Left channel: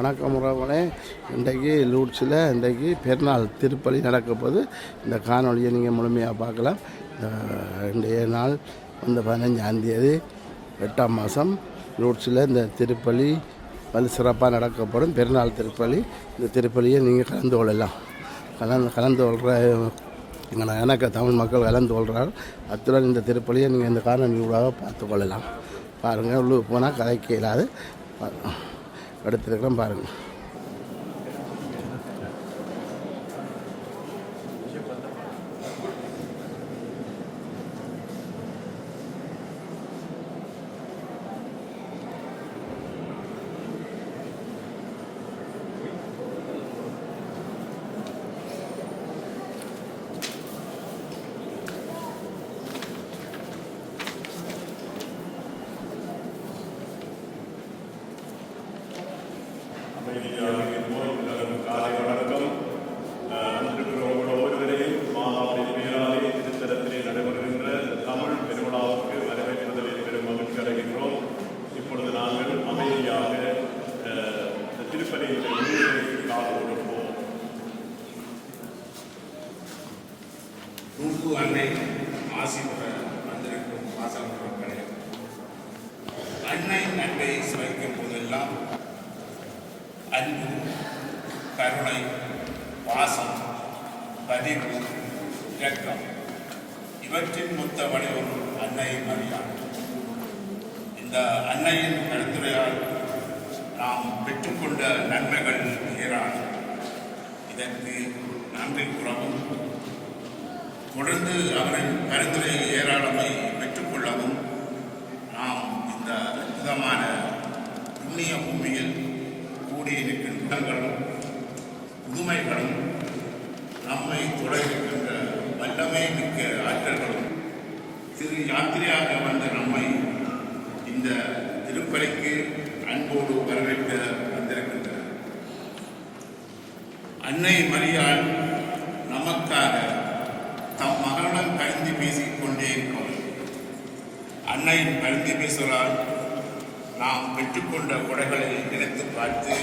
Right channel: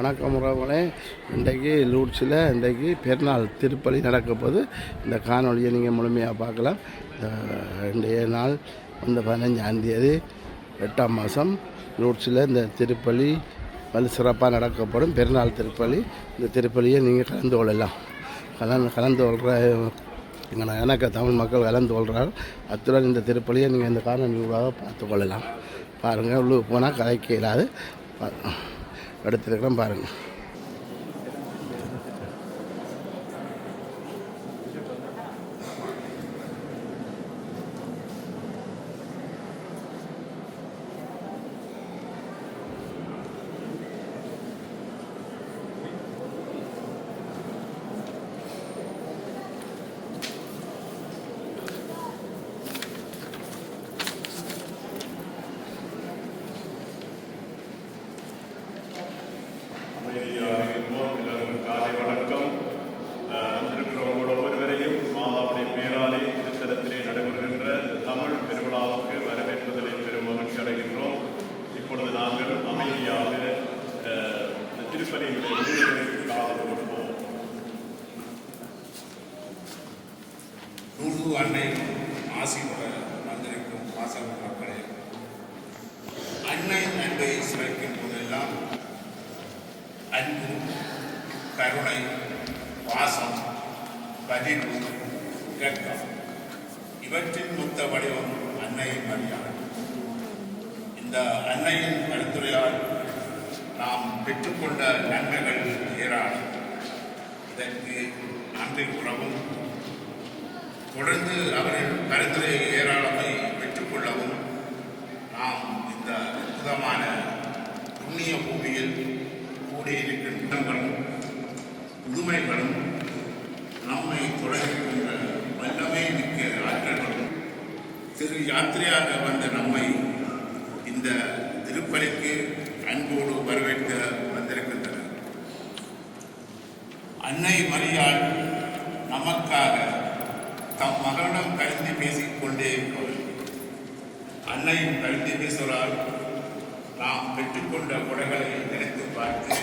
வணக்கம் உறவுகளே. இன்றைக்கு லூட்ஸில் இன்றைக்கு பெருநாள் திருப்பலி நடக்க போது இந்த காணொலியை நீங்கள் முழுமையாக பார்க்கலாம். இன்றைய நாள் வந்து 15ஆம் தேதி 8ஆம் மாதம் லூட்ஸில் இந்த திருப்பலி வந்து சிறப்பாக நடக்கப்படும் பெருநாள் திருப்பலி. இந்த திருப்பலியை நீங்கள் கலந்து கொள்ளலாம். கலந்து கொள்கிற எனக்கு தமிழ் மக்கள் கலந்து கொள்கிறார்கள். அத்துடன் இந்த திருப்பலியை நீங்கள் இந்த காணொலியூடாக பார்த்து கொள்ளலாம். பாருங்கள், உள்ளுக்கு போனால் கதைக்க இல்லாது எடுத்துருக்கிறோம் பாருங்கள். அமைதியாக இருப்போம். எல்லாருக்கும் காலை வணக்கம். வந்திருக்கிறவங்களோட ஒவ்வொருவரையும் மாதாவுடைய பேராலே திருத்தலத்திலே நடைபெறுகின்ற இந்த தமிழ் பெருவிழாவுக்கு வரவேற்பதிலே பெரும் மகிழ்ச்சி அடைகின்றோம். இப்பொழுது நாங்கள் அமைதியாக இந்த திருப்பலியினுடைய முன்னிலைக்கு காது கொடுப்போம். அன்னை ஆசி வந்திருக்கும் வாசல் மக்களே, அன்னையின் அன்பை சுவைக்கும் போதெல்லாம் அன்பு, கருணை, பாசம், பதிவு, இரக்கம் இவற்றின் மொத்த வடிவம் அன்னை மரியாள். இந்த அன்னையின் கருத்துரையால் நாம் பெற்றுக்கொண்ட நன்மைகள் ஏராளம். இதற்கு நன்றி கூறவும், தொடர்ந்து அவரின் பரிந்துரை ஏராளமை பெற்றுக்கொள்ளவும் நாம் இந்த அற்புதமான புண்ணிய பூமியில் கூடியிருக்கின்றங்களும் புதுமைகளும் நம்மை தொடர்கின்ற வல்லமை மிக்க ஆற்றல்களும் திரு யாத்திரையாக வந்த நம்மை இந்த திருப்பலிக்கு அன்போடு வரவேற்க வந்திருக்கின்றனர். அன்னை மரியாள் நமக்காக தம் மகளிடம் கருதி பேசிக்கொண்டே இருப்பவர். அன்னையின் கருதி பேசுவதால் நாம் பெற்றுக்கொண்ட கொடைகளை நினைத்து பார்த்து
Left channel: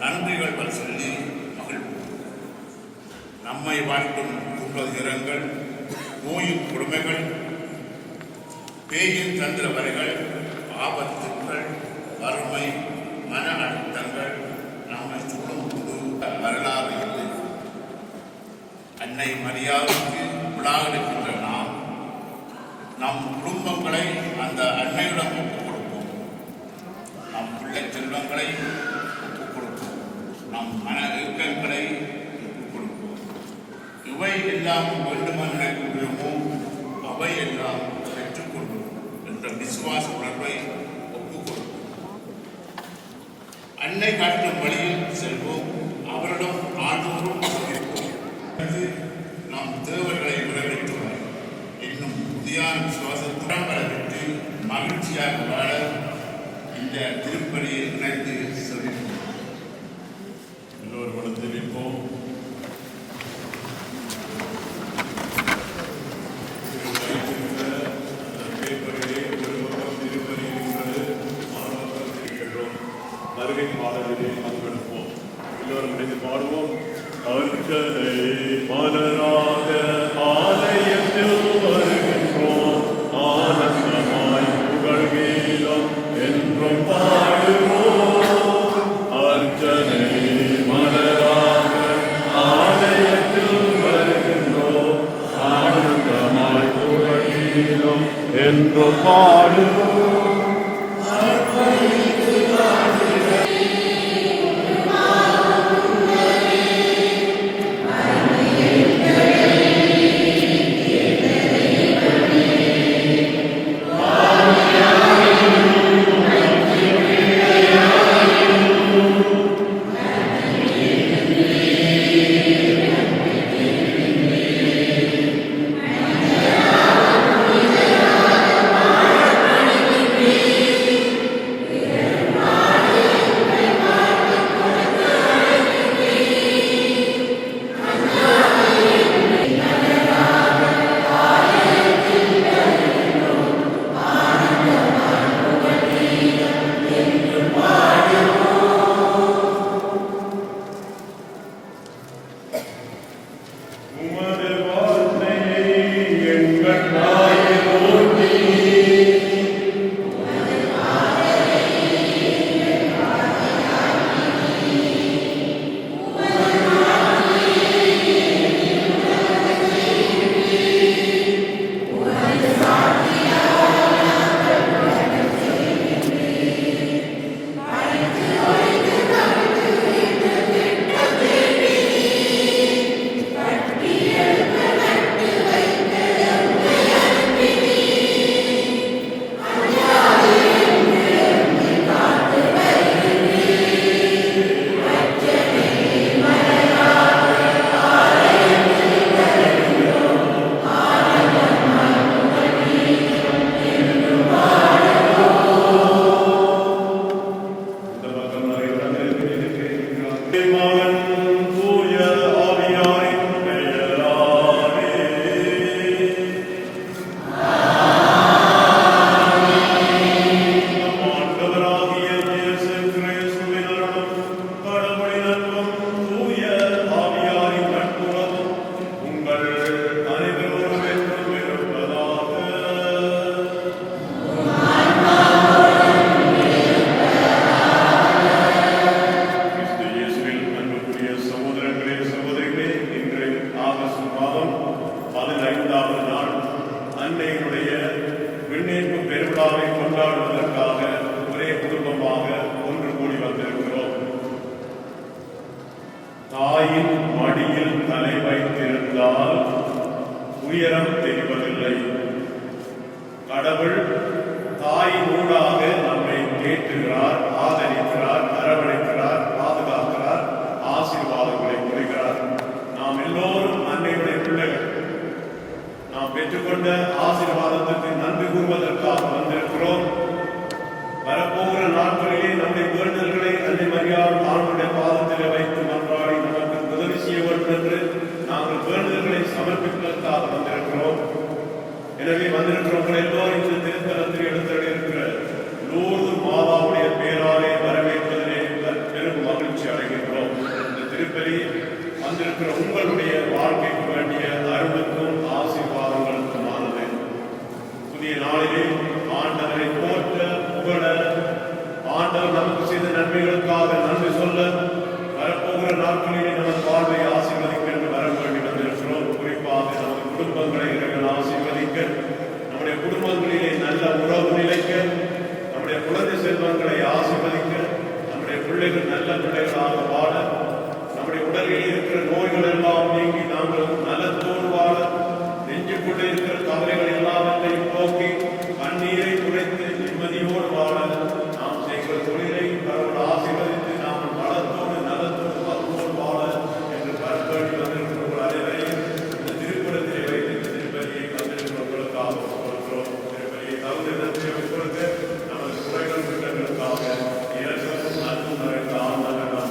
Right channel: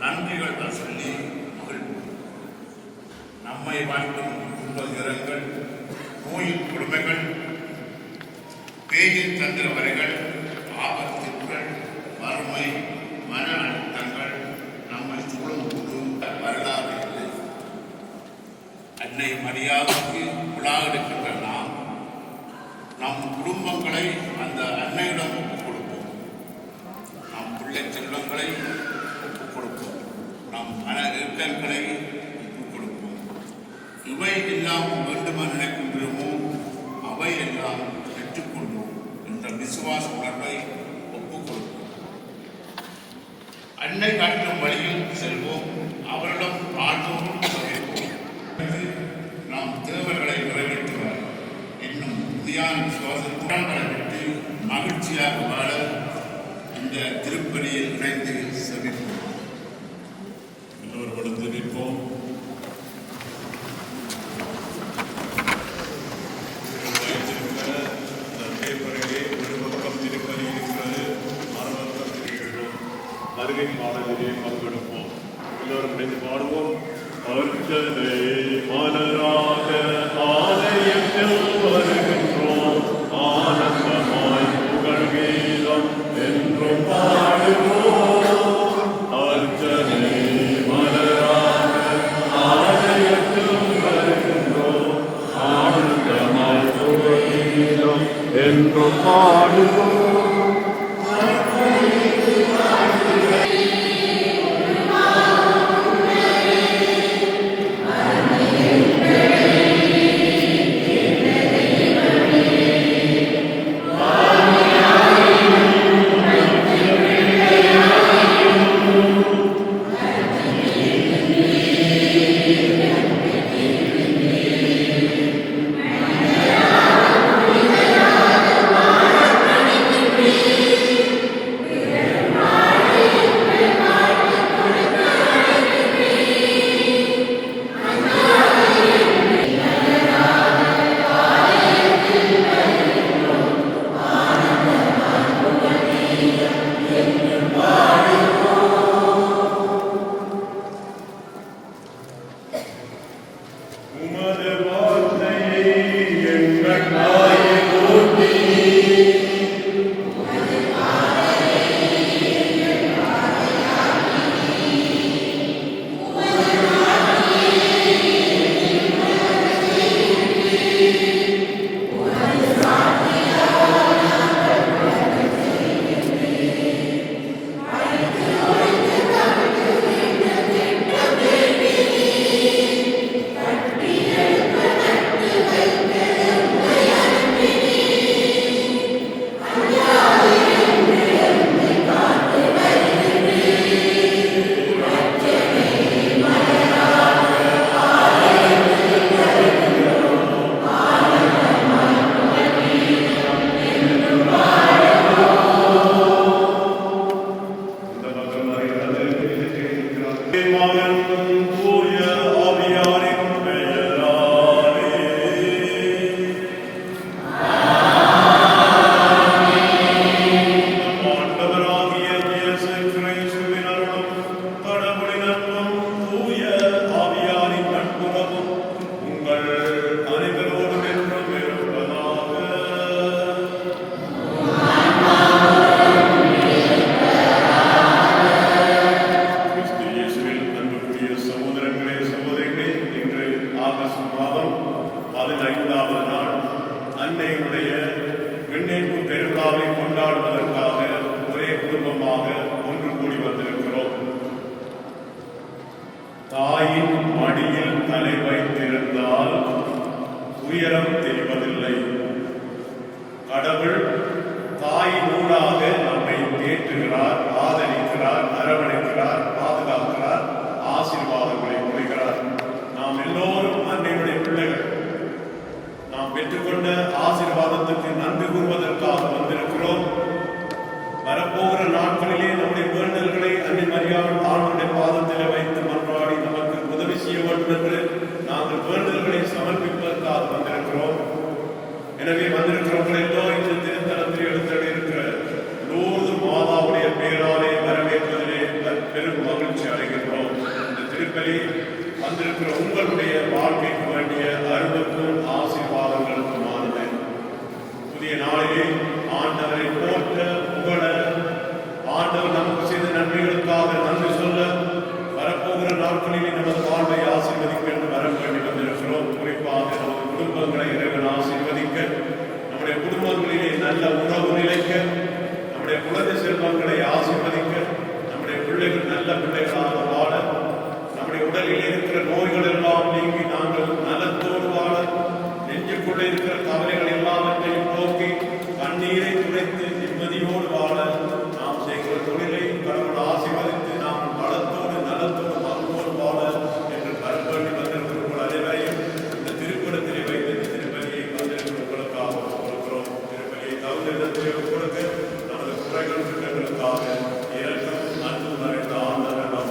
நன்றிகள் சொல்லி மகிழ்வோம். நம்மை வாழ்க்கும் துன்ப துயரங்கள், நோயின் கொடுமைகள், பேயின் தந்திர வரைகள், ஆபத்துக்கள், வறுமை, மன அழுத்தங்கள் நம்மை சூழும்போது வரலாறு இல்லை. அன்னை மரியாவுக்கு உலாவெடுக்கின்ற நாம் நம் குடும்பங்களை அந்த அன்னையிடம் ஒப்புக் கொடுப்போம். நம் பிள்ளை செல்வங்களை ஒப்புக் கொடுப்போம். நம் மன இறுக்கங்களை ஒப்புக் கொடுப்போம். இவை எல்லாம் வேண்டுமென நினைக்கின்றோமோ அவை எல்லாம் பெற்றுக்கொள்வோம் என்ற விசுவாச உணர்வை ஒப்புக் கொடுப்போம். அன்னை காட்டும் வழியில் செல்வோம். அவரிடம் ஆழ்வோம் சொல்லிப்போம். நாம் தேவர்களை வரவேற்றுவோம். இன்னும் புதியான விசுவாசத்துடன் பெற்று மகிழ்ச்சியாக வாழ இந்த திருப்பலியில் இணைந்து செவிப்போம். எல்லோர்களும் தெரிவிப்போம். வருகை பாடலிலே பங்கெடுப்போம். எல்லோரும் இணைந்து பாடுவோம். அர்ச்சனை மலராக ஆலயத்தில் வருகின்றோம். ஆனந்தமாய் புகழ் கீதம் என்றும் பாடுவோம். அர்ச்சனை மலராக ஆலயத்தில் வருகின்றோம். ஆனந்தமாய் புகழ் கீதம் என்றும் பாடுவோம். மடியில் தலை வைத்திருந்தால் உயரம் தெரிவதில்லை. கடவுள் தாயினூடாக நம்மை தேற்றுகிறார், ஆதரிக்கிறார், அரவணைக்கிறார், பாதுகாக்கிறார், ஆசீர்வாதங்களை கொடுக்கிறார். நாம் எல்லோரும் அன்றையுடைய பிள்ளைகள். நாம் பெற்றுக்கொண்ட ஆசீர்வாதத்துக்கு நன்றி கூறுவதற்காக வந்திருக்கிறோம். வரப்போகிற நாட்களிலே நம்முடைய வேண்டுதல்களை அன்னை மரியாதை ஆண்டுடைய பாதத்தில் வைத்து மன்றாடி நமக்கு உதவி செய்ய வேண்டும் என்று நாங்கள் வேண்டுதல்களை சமர்ப்பிப்பதற்காக வந்திருக்கிறோம். எனவே வந்திருக்கிறவர்கள் எல்லோரும் இந்த திருத்தலத்தில் எடுத்திருக்கிற லூர்து மாதாவுடைய பேராலே வரவேற்பதிலே பெரும் மகிழ்ச்சி அடைகின்றோம். இந்த திருப்பலி வந்திருக்கிற உங்களுடைய வாழ்க்கைக்கு வேண்டிய அருளுக்கும் ஆசீர்வாதங்களுக்குமானது. புதிய நாளிலே ஆண்டவரை போற்ற புகழ, ஆண்டவர் நமக்கு செய்த நன்மைகளுக்காக நன்றி சொல்ல, வரப்போகிற நாட்களிலே நமது வாழ்வை ஆசீர்வதிக்க வரம் வேண்டி வந்திருக்கிறோம். குறிப்பாக நமது குடும்பங்களை இறைவன் ஆசீர்வதிக்க, நம்முடைய குடும்பங்களிலே நல்ல உறவு நிலைக்க, நம்முடைய குழந்தை செல்வங்களை ஆசீர்வதிக்க, நம்முடைய பிள்ளைகள் நல்ல பிள்ளைகளாக வாழ, நம்முடைய உடலில் இருக்கிற நோய்கள் எல்லாம் நீங்கி நாங்கள் நலத்தோடு வாழ, நெஞ்சுக்குள்ளே இருக்கிற கவலைகள் எல்லாவற்றையும் போக்கி கண்ணீரை துடைத்து நிம்மதியோடு வாழ, நாம் செய்கிற தொழிலை கடவுள் ஆசீர்வதித்து நாம் வளத்தோடு நலத்தோடு வாழ்வோடு வாழ என்று கருப்பணி வந்திருக்கிறவர்கள் அனைவரையும் இந்த திருக்குறத்திலே வைத்து திருப்பதியை வந்திருக்கிறவர்களுக்காக கொடுக்கிறோம். திருப்பதியை தகுந்த கொடுக்க நமது குறைகளுக்காக இறக்கம் நன்கு மறைந்த ஆண்டவர்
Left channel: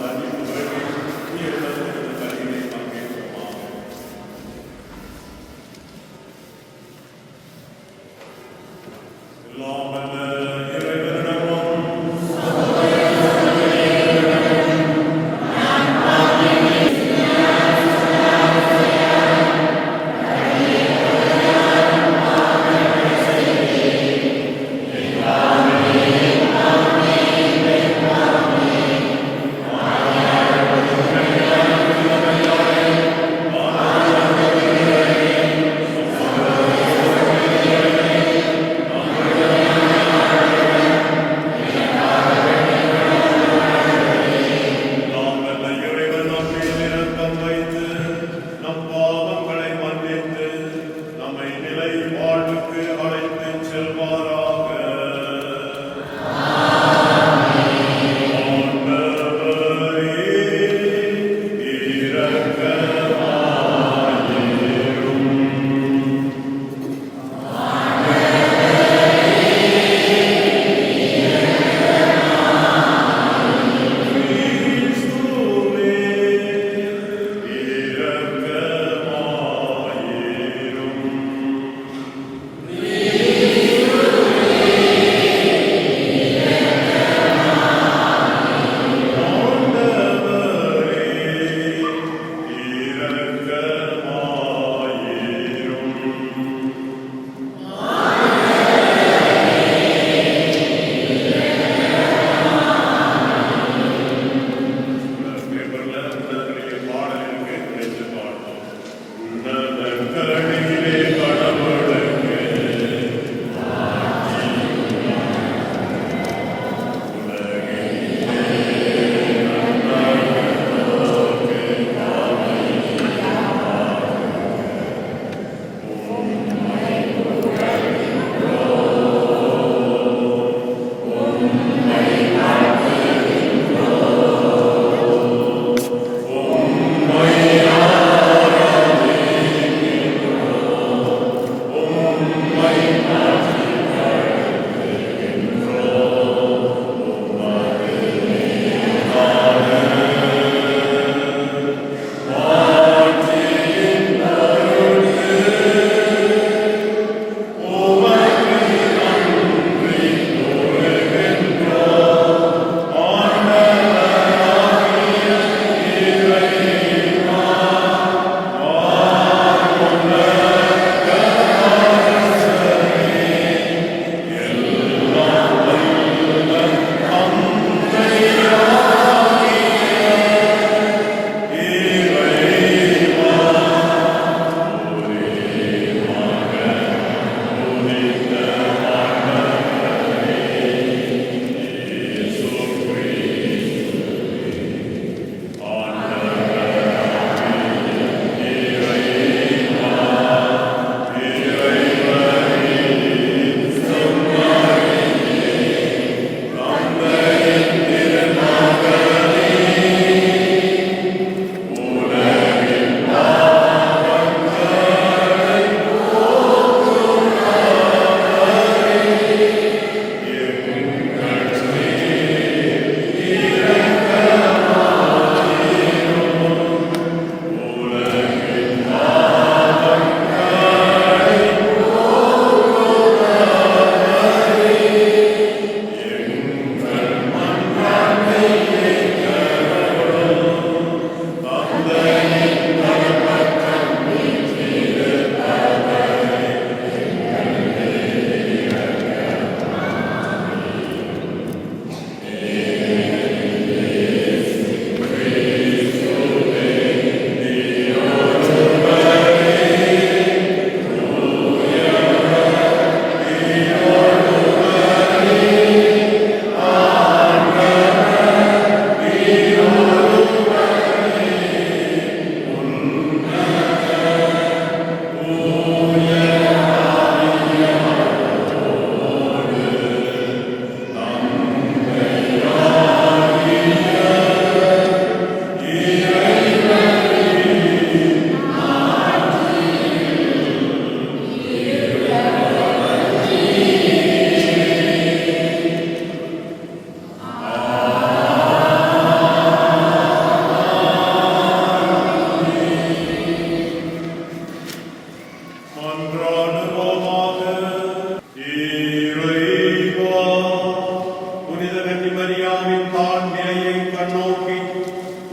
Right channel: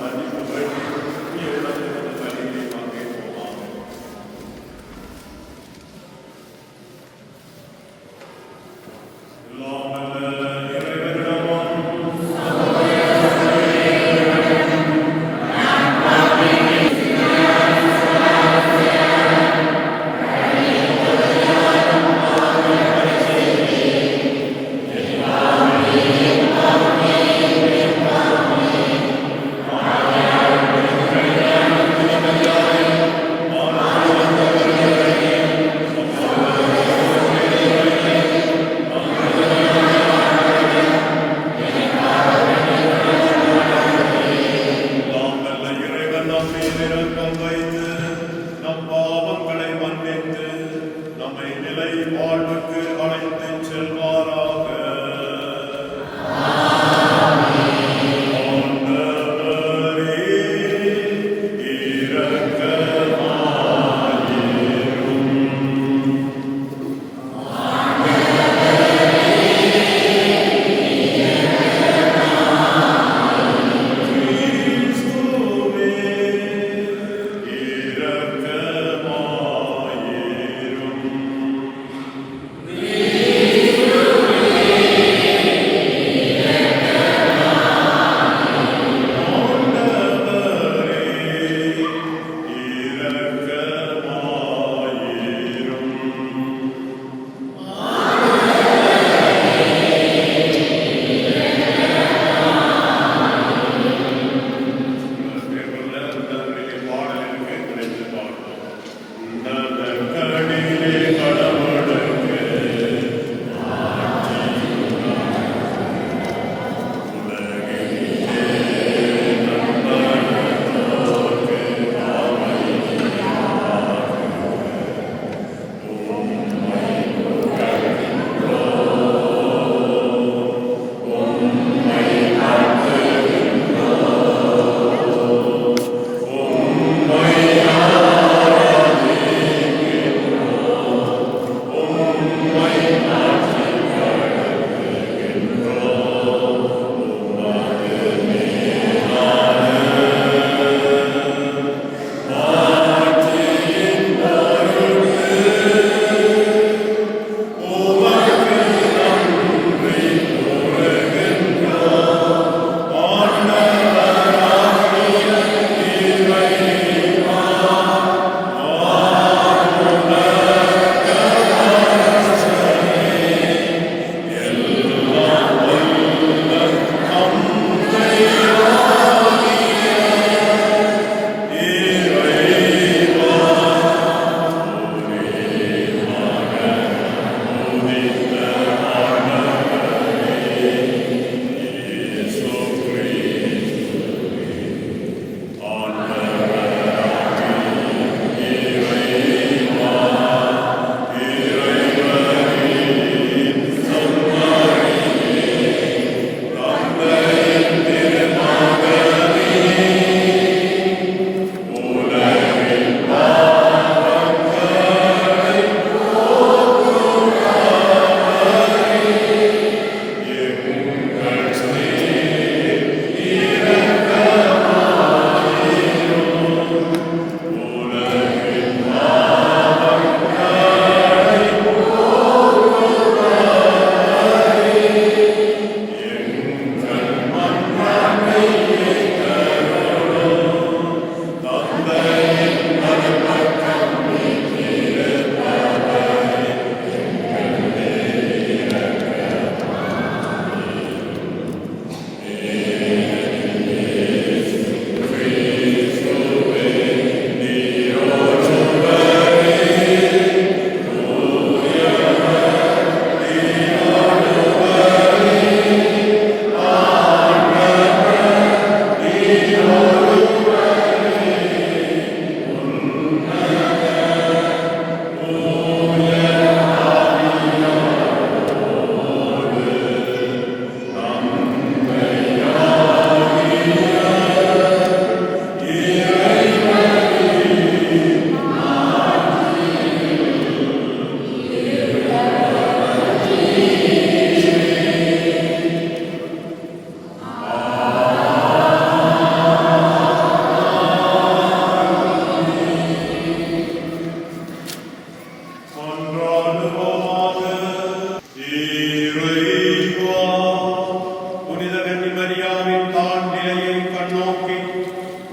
நோக்கி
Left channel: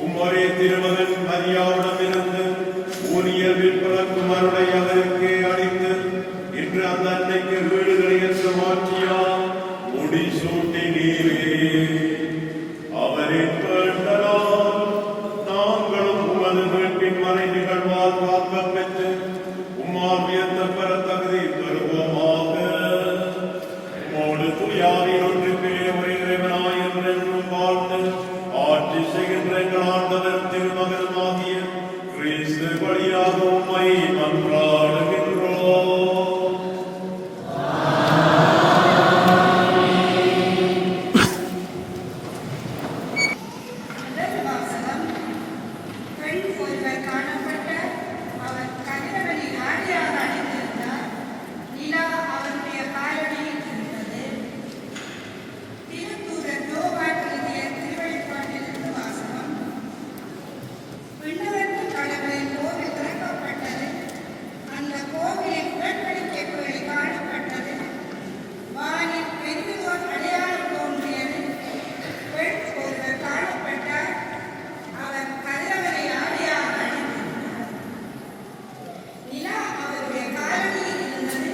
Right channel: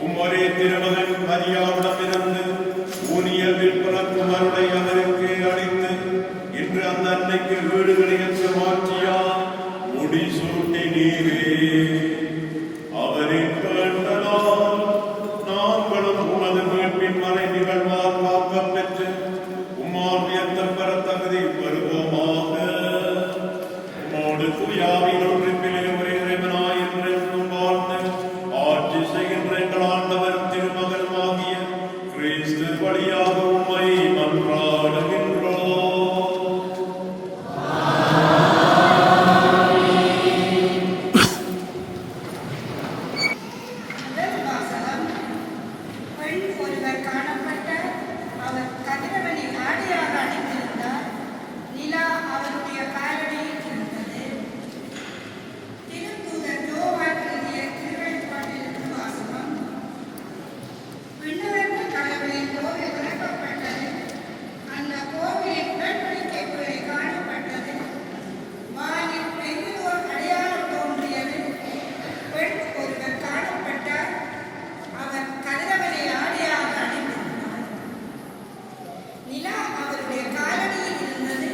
உம்மொரே திருமகன் மரியாவிடமிருந்து ஊனியர் பிறக்கும் அருளை அவருக்கு அளித்து இன்று அந்த அன்னைக்கு வீடுகளை என்று மாற்றியார் முடி சூட்டினீரே. அவரின் வேண்டலால் நாங்களும் உமது மீட்பின் மறை நிகழ்வால் காக்கப் பெற்று உம்மால் உயர்த்தப்பெற தகுதி பெறுவோமாக. உம்மோடு துயாவில் ஒன்றுமே ஒரே இறைவனாய் என்றென்றும் வாழ்ந்து ஆட்சி செய்கின்ற எங்கள் ஆண்டவர் திருமகனுமாகிய கிறிஸ்து வழியாக உம்மை மன்றாடுகின்றோம். முதல் வாசகம். பெண் ஒருவர் காணப்பட்ட அவர் கதிரவனை ஆடையாக அணிந்திருந்தார். நிலா அவருடைய காலடியில் இருந்தது. திருத்தூதர் யோவான் எழுதிய திருவெளிப்பாட்டிலிருந்து வாசகம். விண்ணகத்து கடவுளின் கோவில் திறக்கப்பட்டது. அந்த கோவிலின் உடன்படிக்கை காணப்பட்டது. வானில் பெரியோர் அடையாளம் தோன்றியது. பெண் ஒருவர் காணப்பட்டார். அவர் கதிரவனை ஆடையாக அணிந்திருந்தார். நிலா அவருடைய காலடியில் இருந்தது.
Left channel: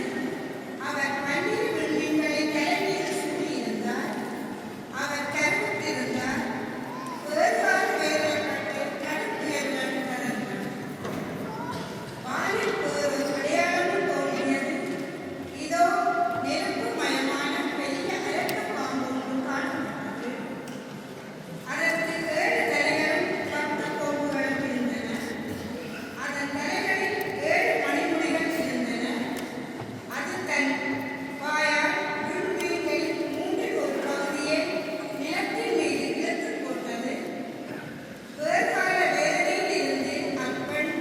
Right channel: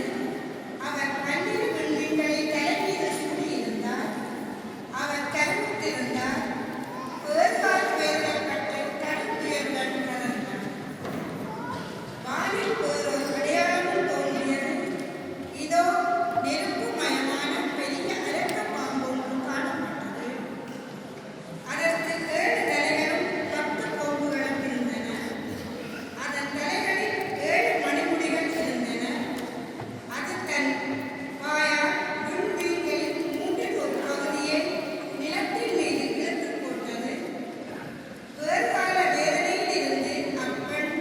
அவர் பன்னிரு விண்மீன்களை தலைமையில் சூடியிருந்தார். அவர் கருவுற்றிருந்தார். புதர்வால் வேறப்பட்டு கடுங்குயர்கள் நடந்தார். வானில் ஒரு அடையாளம் தோன்றியது. இதோ நெருப்புமயமான பெரிய அரக்க பாம்பு ஒன்று காணப்பட்டது. அதற்கு 7 தலைகளும் 10 கொம்புகளும் இருந்தன. அதன் தலைகளில் 7 மணிமுடிகள் இருந்தன. அது தன் வாயால் விண்மீன்களில் 3 ஒரு பகுதியை நிலத்தின் மீது இழுத்துப் போட்டது. வேர்கால வேதனையில் இருந்து அப்பெண்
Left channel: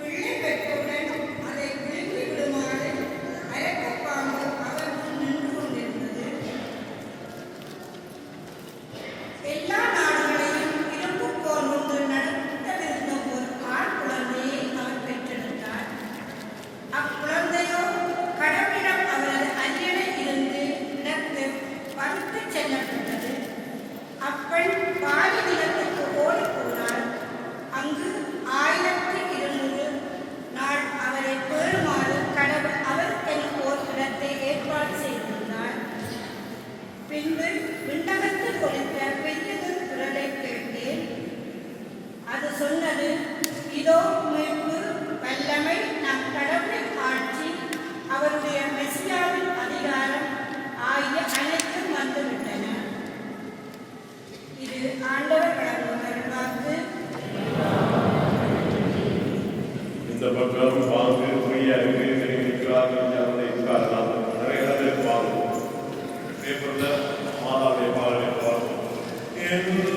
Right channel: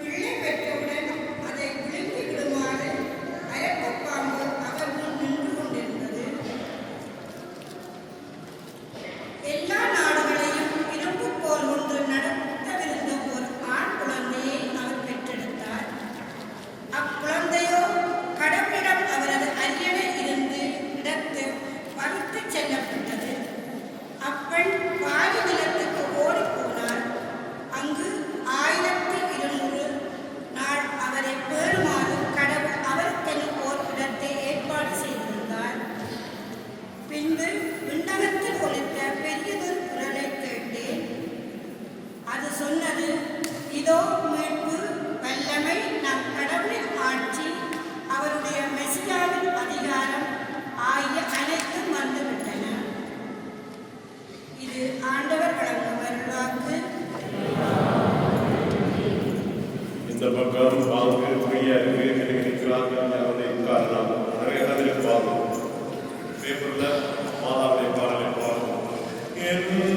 பிள்ளை பெற்றவுடன் அதை விழுங்கி விடுமாறு அரக்கப் பாம்பு அவர் முன் நின்று கொண்டிருந்தது. எல்லா நாடுகளையும் இரும்புக்கோல் ஒன்று நடத்தவிருந்த ஒரு ஆண் குழந்தையை அவர் பெற்றெடுத்தார். அக்குழந்தையோ கடவுளிடம் அவரது அரியணை இருந்து இடத்து பறித்துச் செல்லப்பட்டது. அப்பெண் பாதி நிலத்துக்கு ஓடிப்போனார். அங்கு 1200 நாள் அவரை பேணுமாறு கடவுள் அவருக்கென ஓர் இடத்தை ஏற்பாடு செய்திருந்தார். பின்பு விண்ணகத்தில் ஒலித்த பெரியதொரு குரலை கேட்டேன். அது சொன்னது, இதோ மீட்பு, வல்லமை, நம் கடவுளின் ஆட்சி, அவருடைய மெசியாவின் அதிகாரம் ஆகிய அனைத்தும் வந்துவிட்டன. இது ஆண்டவர் கடவுள் வாக்கு. இந்த பக்கம் வாங்க பொய்யாக இருக்கிறார்கள் அவனை உட்காரலாம். நிறைய பார்ப்போம். பேப்பர்ல மாதாவை பார்ப்போம். Amen.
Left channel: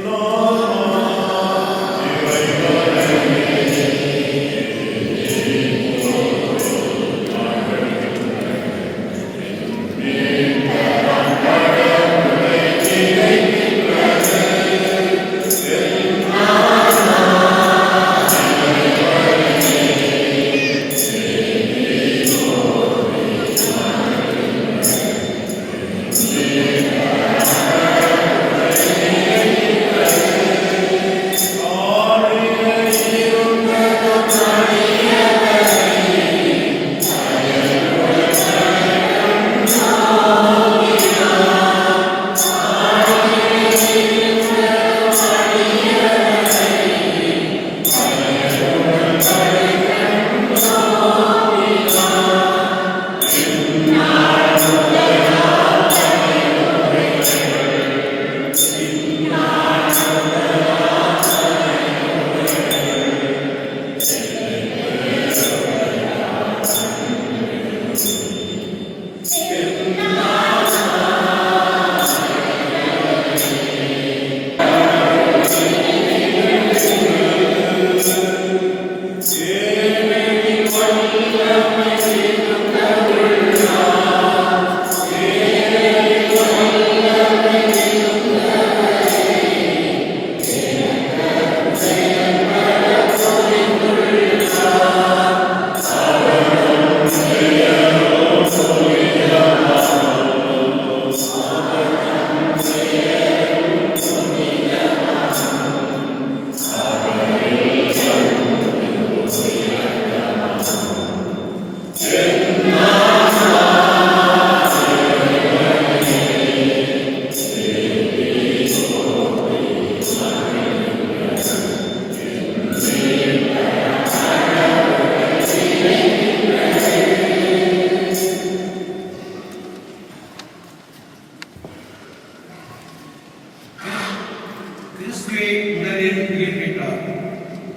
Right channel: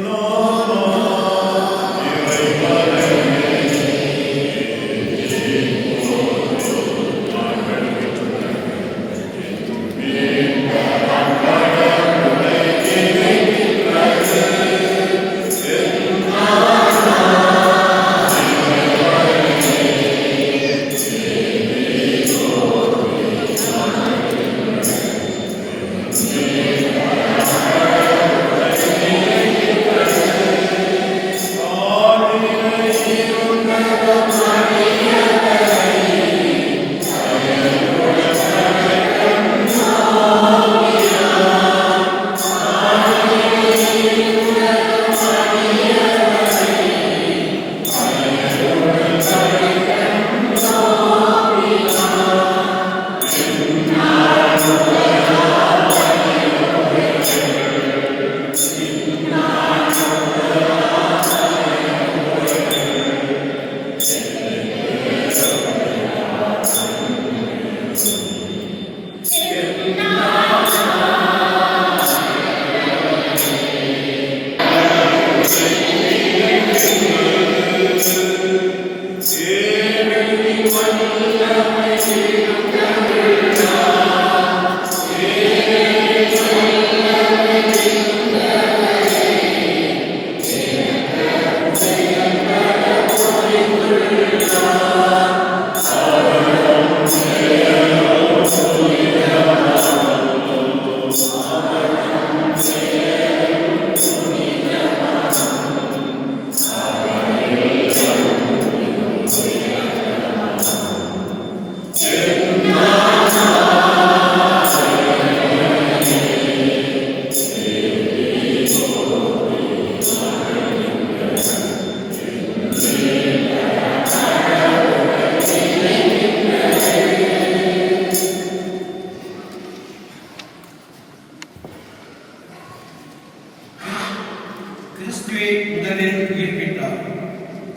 கிறிஸ்துவை முதலில் உயிர்ப்பித்தார்.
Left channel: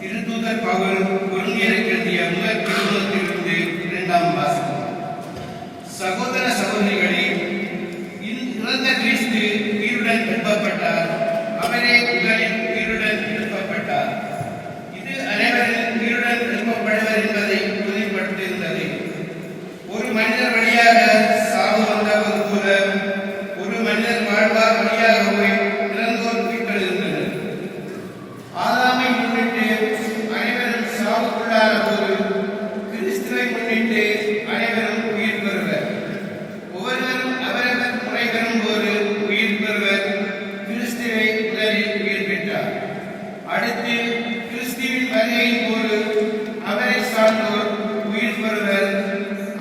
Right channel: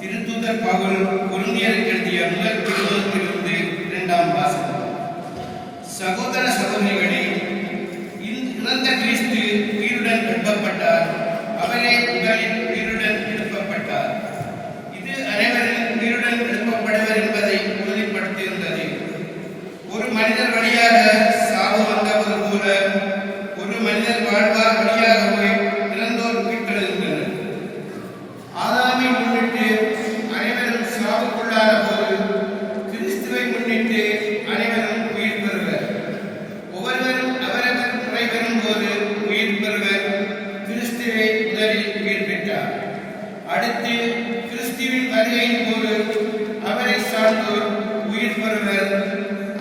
திருத்தூதர் பவுல் கொரிந்தியருக்கு எழுதிய முதல் திருமுகத்திலிருந்து 2ஆம் வாசகம். சகோதர சகோதரிகளே, இறந்த கிறிஸ்து உயிருடன் எழுப்பப்பட்டார். அவரே முதலில் உயிருடன் எழுப்பப்பட்டார். இது அனைவரும் உயிருடன் எழுப்பப்படுவர் என்பதை உறுதிப்படுத்தியிருந்தது. ஒரு மனிதர் வழியாக சாவு வந்தவர் போல ஒரு மனிதர் வாழ்வார் வழியாகவே இறந்தோர் உயிர்த்தெழுந்தனர். ஆதாமை முன்னிட்டு அனைவரும் சாவுக்குள்ளான போது கிறிஸ்துவை முன்னிட்டு அனைவரும் உயிர் பெறுவர். ஒவ்வொருவரும் அவரவர் முறை பெறும்போது உயிர் பெறுவர். கிறிஸ்துவை முதலில் உயிர் பெற்றார். அடுத்து கிறிஸ்துவின் வருகையின் போது அவரை சார்ந்தோர் உயிர் பெறுவர்.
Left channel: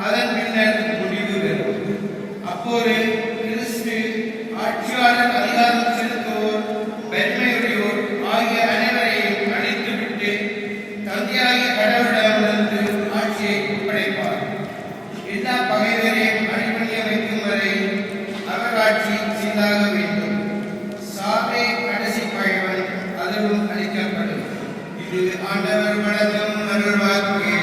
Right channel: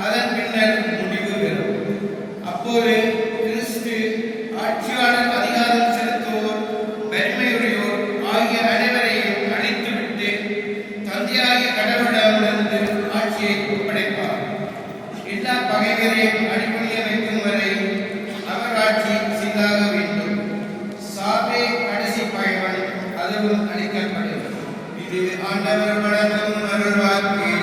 அதன் பின்னர் முடிவு பெறும். அப்போது கிறிஸ்து ஆட்சியாளர், அதிகாரம் செலுத்துவோர், பெருமையுடையோர் ஆகிய அனைவரையும் அழித்துவிட்டு தந்தையாகிய கடவுளிடமிருந்து ஆட்சியை ஒப்படைப்பார். எல்லா பகைவரையும் அடிபணிய வைக்கும் வரை அவர் ஆட்சி செய்தாக வேண்டும். சாவே கடைசி பகைவன், அதுவும் அளிக்கப்படும். இது ஆண்டவர் வழங்கும் வாக்கு.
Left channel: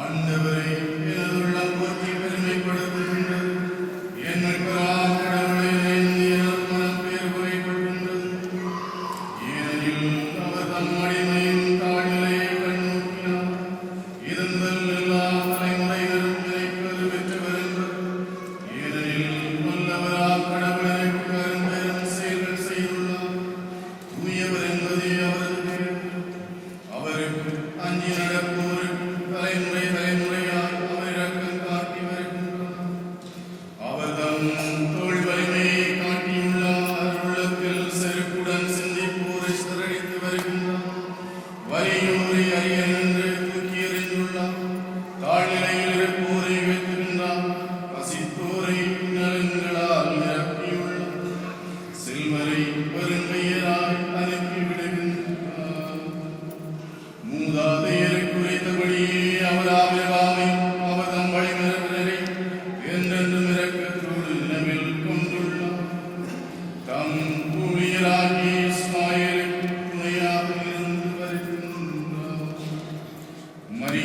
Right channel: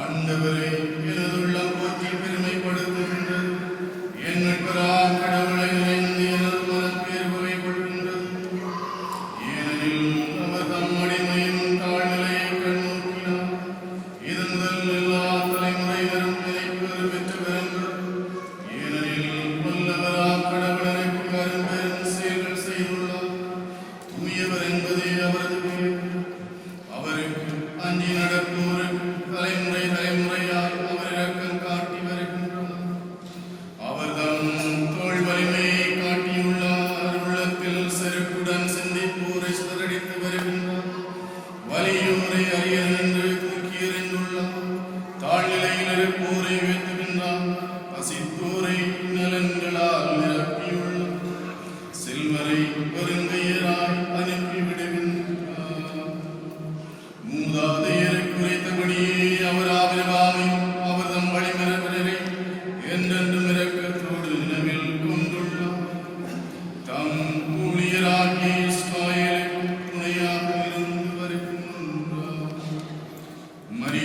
ஆண்டவரே, எனதுள்ளம்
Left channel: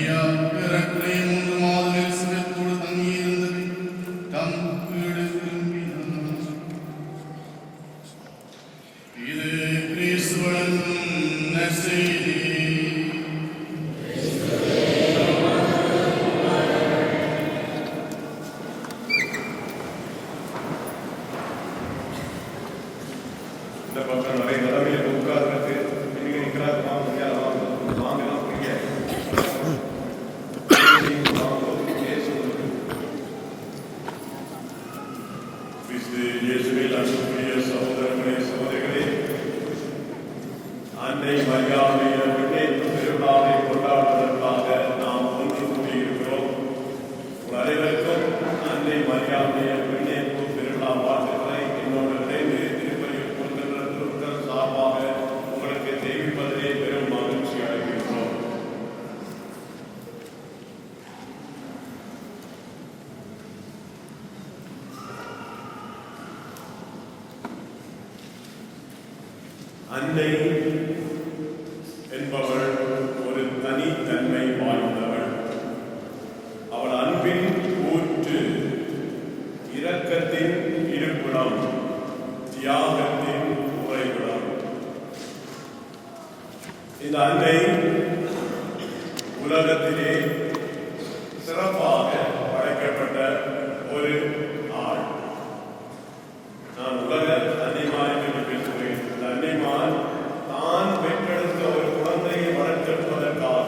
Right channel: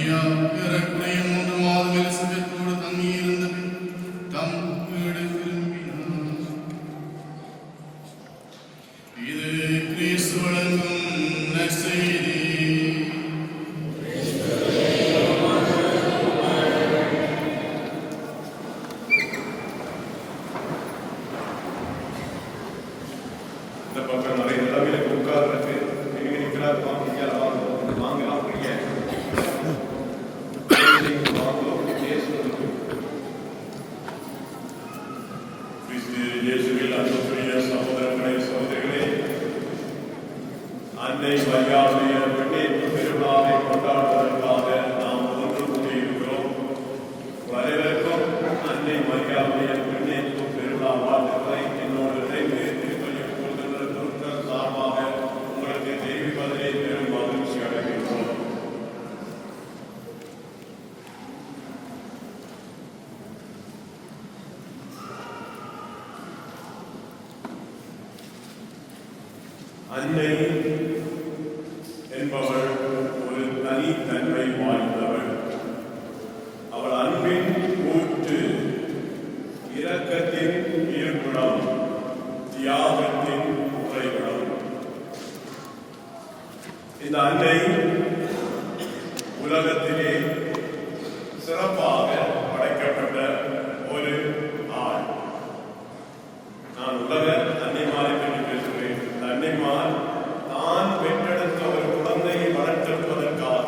மரியா பிறக்குடைய 3 மாதம் எலிசபெத்தோடு தங்கியிருந்தது தம் வீடு திரும்பினார். இது கிறிஸ்து வழங்கும் நற்செய்தி. இந்த பக்கம் நிறைய நிலவில் உட்கார்ந்து திரும்பி நிற்கிறார். வாங்கலாம் இயேசுவில் அன்புக்குரிய சகோதரர்களே, சகோதரிகளே, அன்னை மரியாதைய விண்ணேற்பு திருவிழாவை கொண்டாடுவதற்காக நாம் ஒன்று கூடியிருக்கிறோம். அனைவருக்கும் அன்னை மரியாதைய விண்ணேற்பு திருவிழா வாழ்த்துக்களை என்னோடு இணைந்து திருப்பதியில் கொண்டுள்ள குழுக்கள் சார்பாக உங்களுக்கு தெரிவிப்பதிலே பெரும் மகிழ்ச்சி அடைகின்றோம். அன்னை என்பவள் ஒரு தனித்தன்மை வாய்ந்தவள். அவள் அன்பின் ஊற்று, இரக்கத்தின் இருப்பிடம், தியாகத்தின் உறைவிடம். இந்த அன்னை உலகத்திலே சிறப்பாக படைக்கப்பட்ட ஒரு ஆள். நான் உலக அன்னைமாரை என்று பேசுகிறேன். இந்த அன்னைமார் தான் பெற்றெடுத்த ஒரு குழந்தையை வளர்த்தெடுப்பதற்காக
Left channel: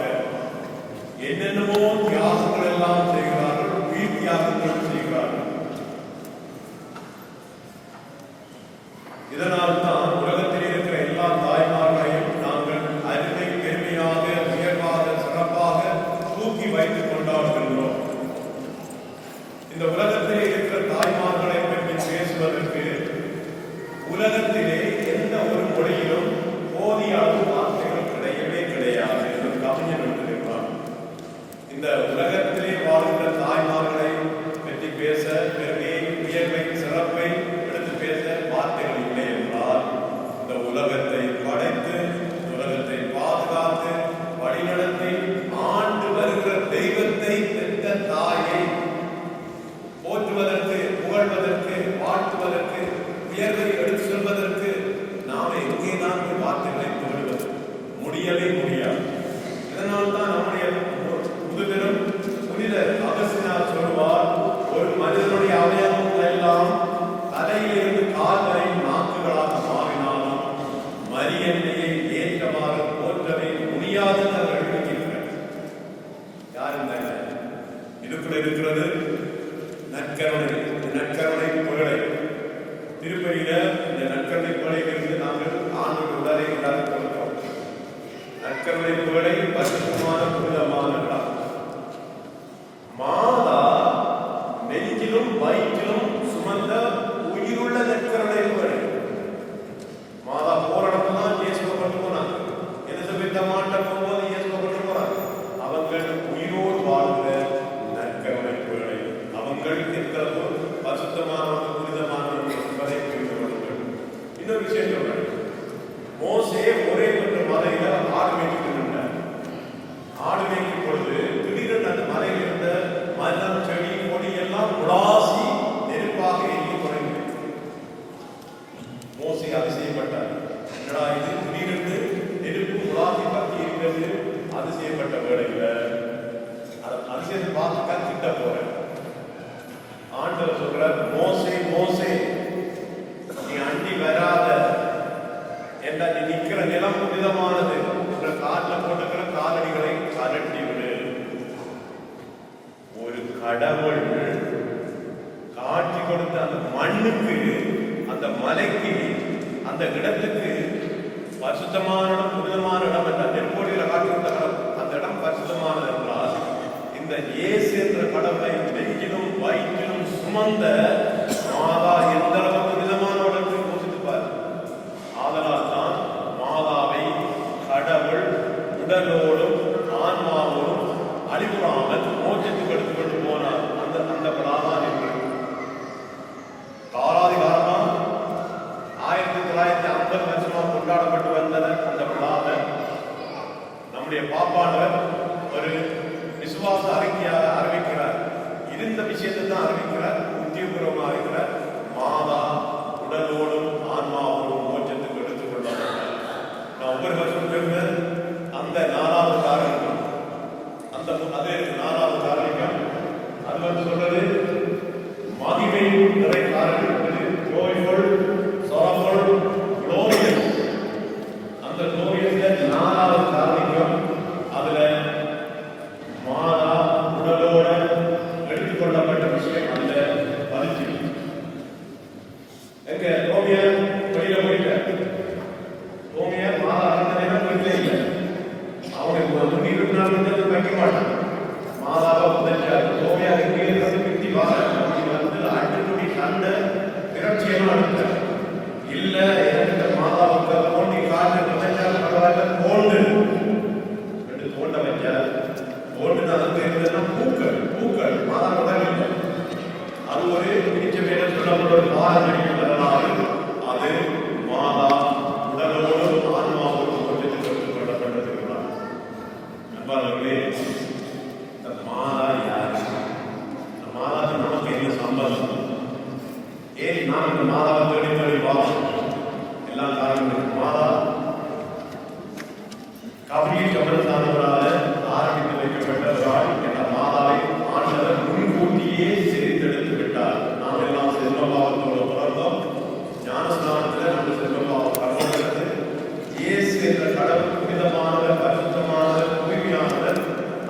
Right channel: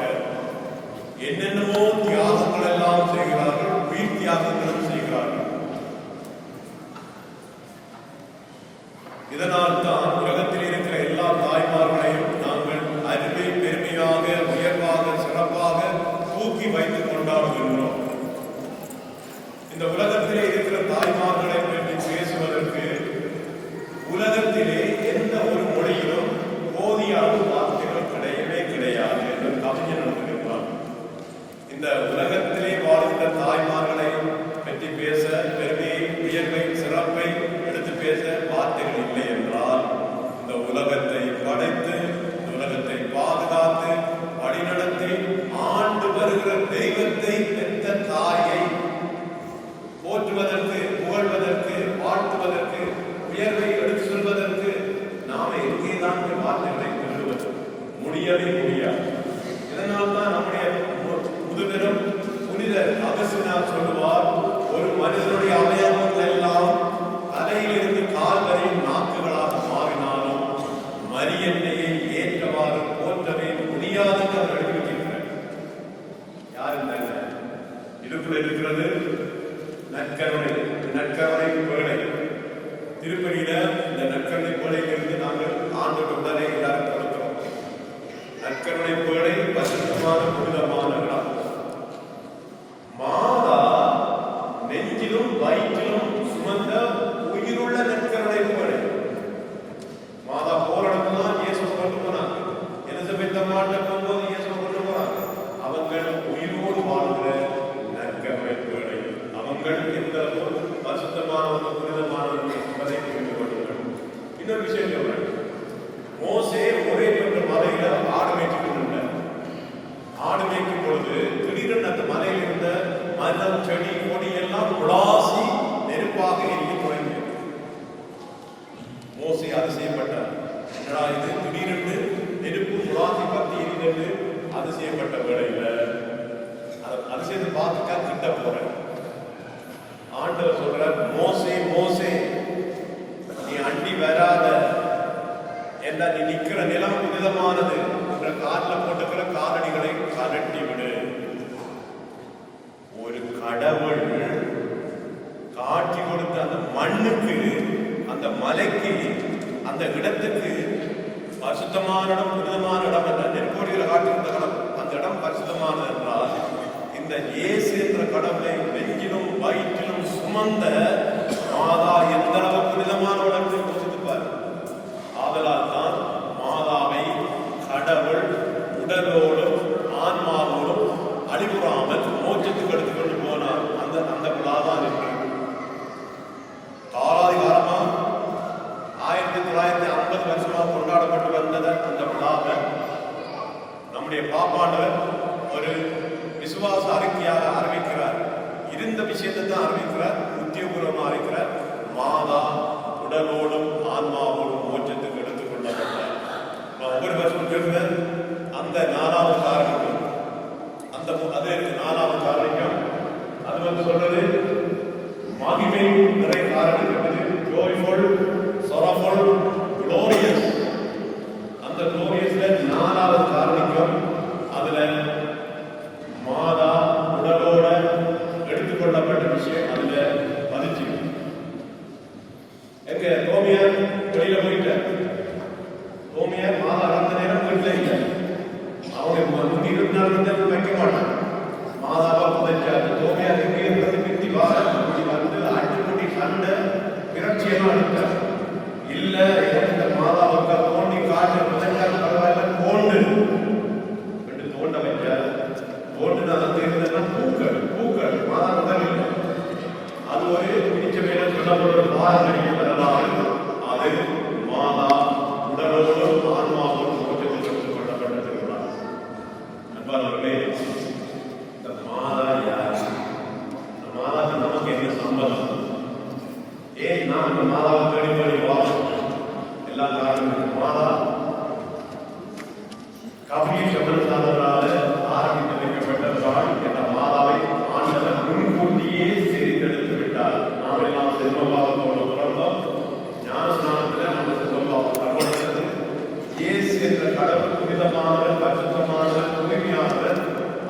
என்னென்னமோ தியாகங்கள் எல்லாம் செய்கிறார்கள், உயிர் தியாகங்கள் செய்கிறார்கள். இதனால் தான் உலகத்தில் இருக்கிற எல்லா தாய்மார்களையும் நாங்கள் அருமை பெருமையாக, உயர்வாக, சிறப்பாக தூக்கி வைத்துக் கொண்டாடுகின்றோம். இந்த உலகத்திலே இருக்கிற தாய்மார்களை பற்றி பேசுவதற்கு உலகத்திலே எந்த ஒரு மொழியிலும் போதிய அளவு வார்த்தைகள் கிடையவே கிடையாது என்று கவிஞர் எழுதியிருப்பார். இந்த உலகத்திலே வாழ்ந்த தாய்மார்களை பற்றி பேச, பெருமையை, உயர்வை, சிறப்பை எடுத்து பேச வார்த்தைகள் இல்லை என்றால், இந்த உலகத்தை படைத்து, உலகத்தை பாதுகாத்து, வழிநடத்தி ஆண்டு வருகிற தெய்வத்தை பெற்ற தாயை போற்றுவதற்கு, புகழ்வதற்கு, வாழ்த்துவதற்கு, உயர்வை எடுத்து சொல்வதற்கு நாம் எங்கேதான் வார்த்தைகளை கொள்வது? முடியவே முடியாது. இதனால் தான் நம்முடைய முதுபெரும் புனித அகஸ்தினார் சொல்லுவார், ஒரு மனிதனுடைய அவயவங்கள் எல்லாம் தலையிலிருந்து கால் வரை நாக்குகளாக மாறினாலும் மரியன்னையை ஏற்றவாறு போற்றவே முடியாது என்று எழுதியிருக்கிறார். யார் என்ன இதுக்குள்ள இருக்கிறது? நற்கருணை, நற்கருணை பேழை. திருப்பதியில இந்த நற்கருணை பேழையிலிருந்து நாங்கள் ஆண்டோடு உடனே எல்லாரும் கொடுக்கிறோம். நற்கருணை பேழை பரிசுத்தமான புனிதமான இடம். மாதா நெஞ்சிலும் வயிற்றிலும் சுமந்த உயிருள்ள நற்கருணை பேழை. மாதா போராடம்லாம் இயேசுவை கொண்டு போனாங்க. எலிசபெத் அம்மாட்ட போகும்போது இயேசுவை கொண்டு போறாங்க. அவங்கள் உயிரோடு வாழ்கிற நற்கருணை பேழை. அவங்கள் எவ்வளவு பரிசுத்தமானவர்கள், புனிதமானவர்கள் என்பதை புரிந்து கொள்ளுங்கள். இன்னொரு விஷயம் சொல்றேன். மோசே ஒரே என்ற மலையில ஆடு மேய்ச்சி கொண்டிருந்தார். ஆடு மேய்க்கும் பொழுது திடீரென்று அந்த மலையில் இருந்த மரம், செடி, கொடி எல்லாம் உலாசி நெருப்பாக எரிந்து தொடங்கியது. மோசே அதிசயப்பட்டார். இது திடீரென்று நெருப்பு உலாசி பற்றி இருந்தது. அதிசயப்பட்ட வேளையில அதை அதிசயத்தை பார்த்துக்க திட்ட போறேன். ஆண்டவர் சொல்றார், மோசே மோசே, நீ அண்டி வராத, என்ன நீ நிக்கிற நிலம் புனிதமானது, காலில் போட்டுக்கிற காலடிகளை கரட்டி விடு. ஒரு கடவுள் காட்சி கொடுத்த அந்த மண்ணுக்கு, அந்த மலைக்கு, அந்த இடத்துக்கு பரிசுத்தமான இடம், புனிதமான இடம் என்ற நெருக்கோடியில் காட்சி கொடுத்த இடம், அந்த இடம் பரிசுத்தமானது என்றால், இந்த இயேசு என்ற கடவுளை நெஞ்சிலும் வயிற்றிலும் சுமந்த மாதா எந்த அளவு புனிதமானவள் என்று யோசித்துப்பார். ஆதலால் தான் மாதாவை கடவுள் உடலோடும் ஆன்மாவோடும் அழிவுறாமல் மோட்சத்துக்கு எடுத்துக் கொண்டு போனார். அந்த மாதான் காலாதிகாரமாக 1950 வருஷமாக கொண்டாடப்பட்டு வந்தது. அந்த விழாவை நம்முடைய பாப்பாளர் ஒரு விசுவாச அறிக்கையாக அறிவிக்கிறார். இருந்த விஷயத்தை தான் அறிவிக்கிறார், உத்தியோகபூர்வமாக அறிவிக்கிறார். மாதா உடலோடும் ஆன்மாவோடும் மோட்சத்துக்கு எடுத்துக் கொள்ளப்பட்டார். நான் ஒவ்வொருவருக்கும் பேசுவேன். அந்த 4வது காரணம், அந்த அது 4வது காரணம், அது சொல்றது மகிமை நிறைய காரணம் இருக்குது. ஜோய்ஃபுல், sorrowful, glorious. அந்த gloriousல 4வது காரணம், அதுல மாதா உடலோட எடுத்துக்கொள்ளப்பட்ட விஷயம் அதுல பதிச்சு. எங்க ரோமியர் வெளியில போயிட்டார். ரோமியர் மாதா அந்த நேரம் போயிட்டே இல்லை. அவங்க 24 மணி நேரம் வைக்க மாட்டாங்க. மாதாவை புதைச்சார். ரோமியர் எங்கே கிட்டி வார வந்து அட்டுக்குடி கண்ட பிரட்சியமா இருந்தார். இல்ல எனக்கு மாதாவுக்கு தோண்டி காட்டு புதைச்சால் பரவாயில்ல, கோண்டு தோண்ட வைக்கார். கோண்டுதான் பூக்கள் பூக்கள் மாதாவுடன் இல்லை. அது ஒரு பிடிச்ச மேல சொல்லப்படும் காரணம். அது மாதா உடலோடு ஆன்மாவோடு மோட்சத்தில் கொள்ளப்பட்டிருக்கிறார். நண்பர்களே, மாதா யார்? மாதா நமக்கு என்ன சம்பந்தம்? ஏன் நான் இந்த மாதாவை தேடி தேடி வா எல்லா காரணங்களும் மாதா கவியை சம்பந்தமானவராக ஆரம்பித்து வைக்கப்பட்டவரால் என்ற மாதாவை ஆண்டவர் முன்கூட்டியே செய்தெடுத்து விட்டார். நாம் எல்லாம் செல்வமாக பிறந்தோம். ஞானஸ்நானத்தில் நம்ம செல்வமாக பிறந்தது. இயேசு என்ற கடவுள் புனிதமான பரிசுத்தமான தூய்மையானவர்.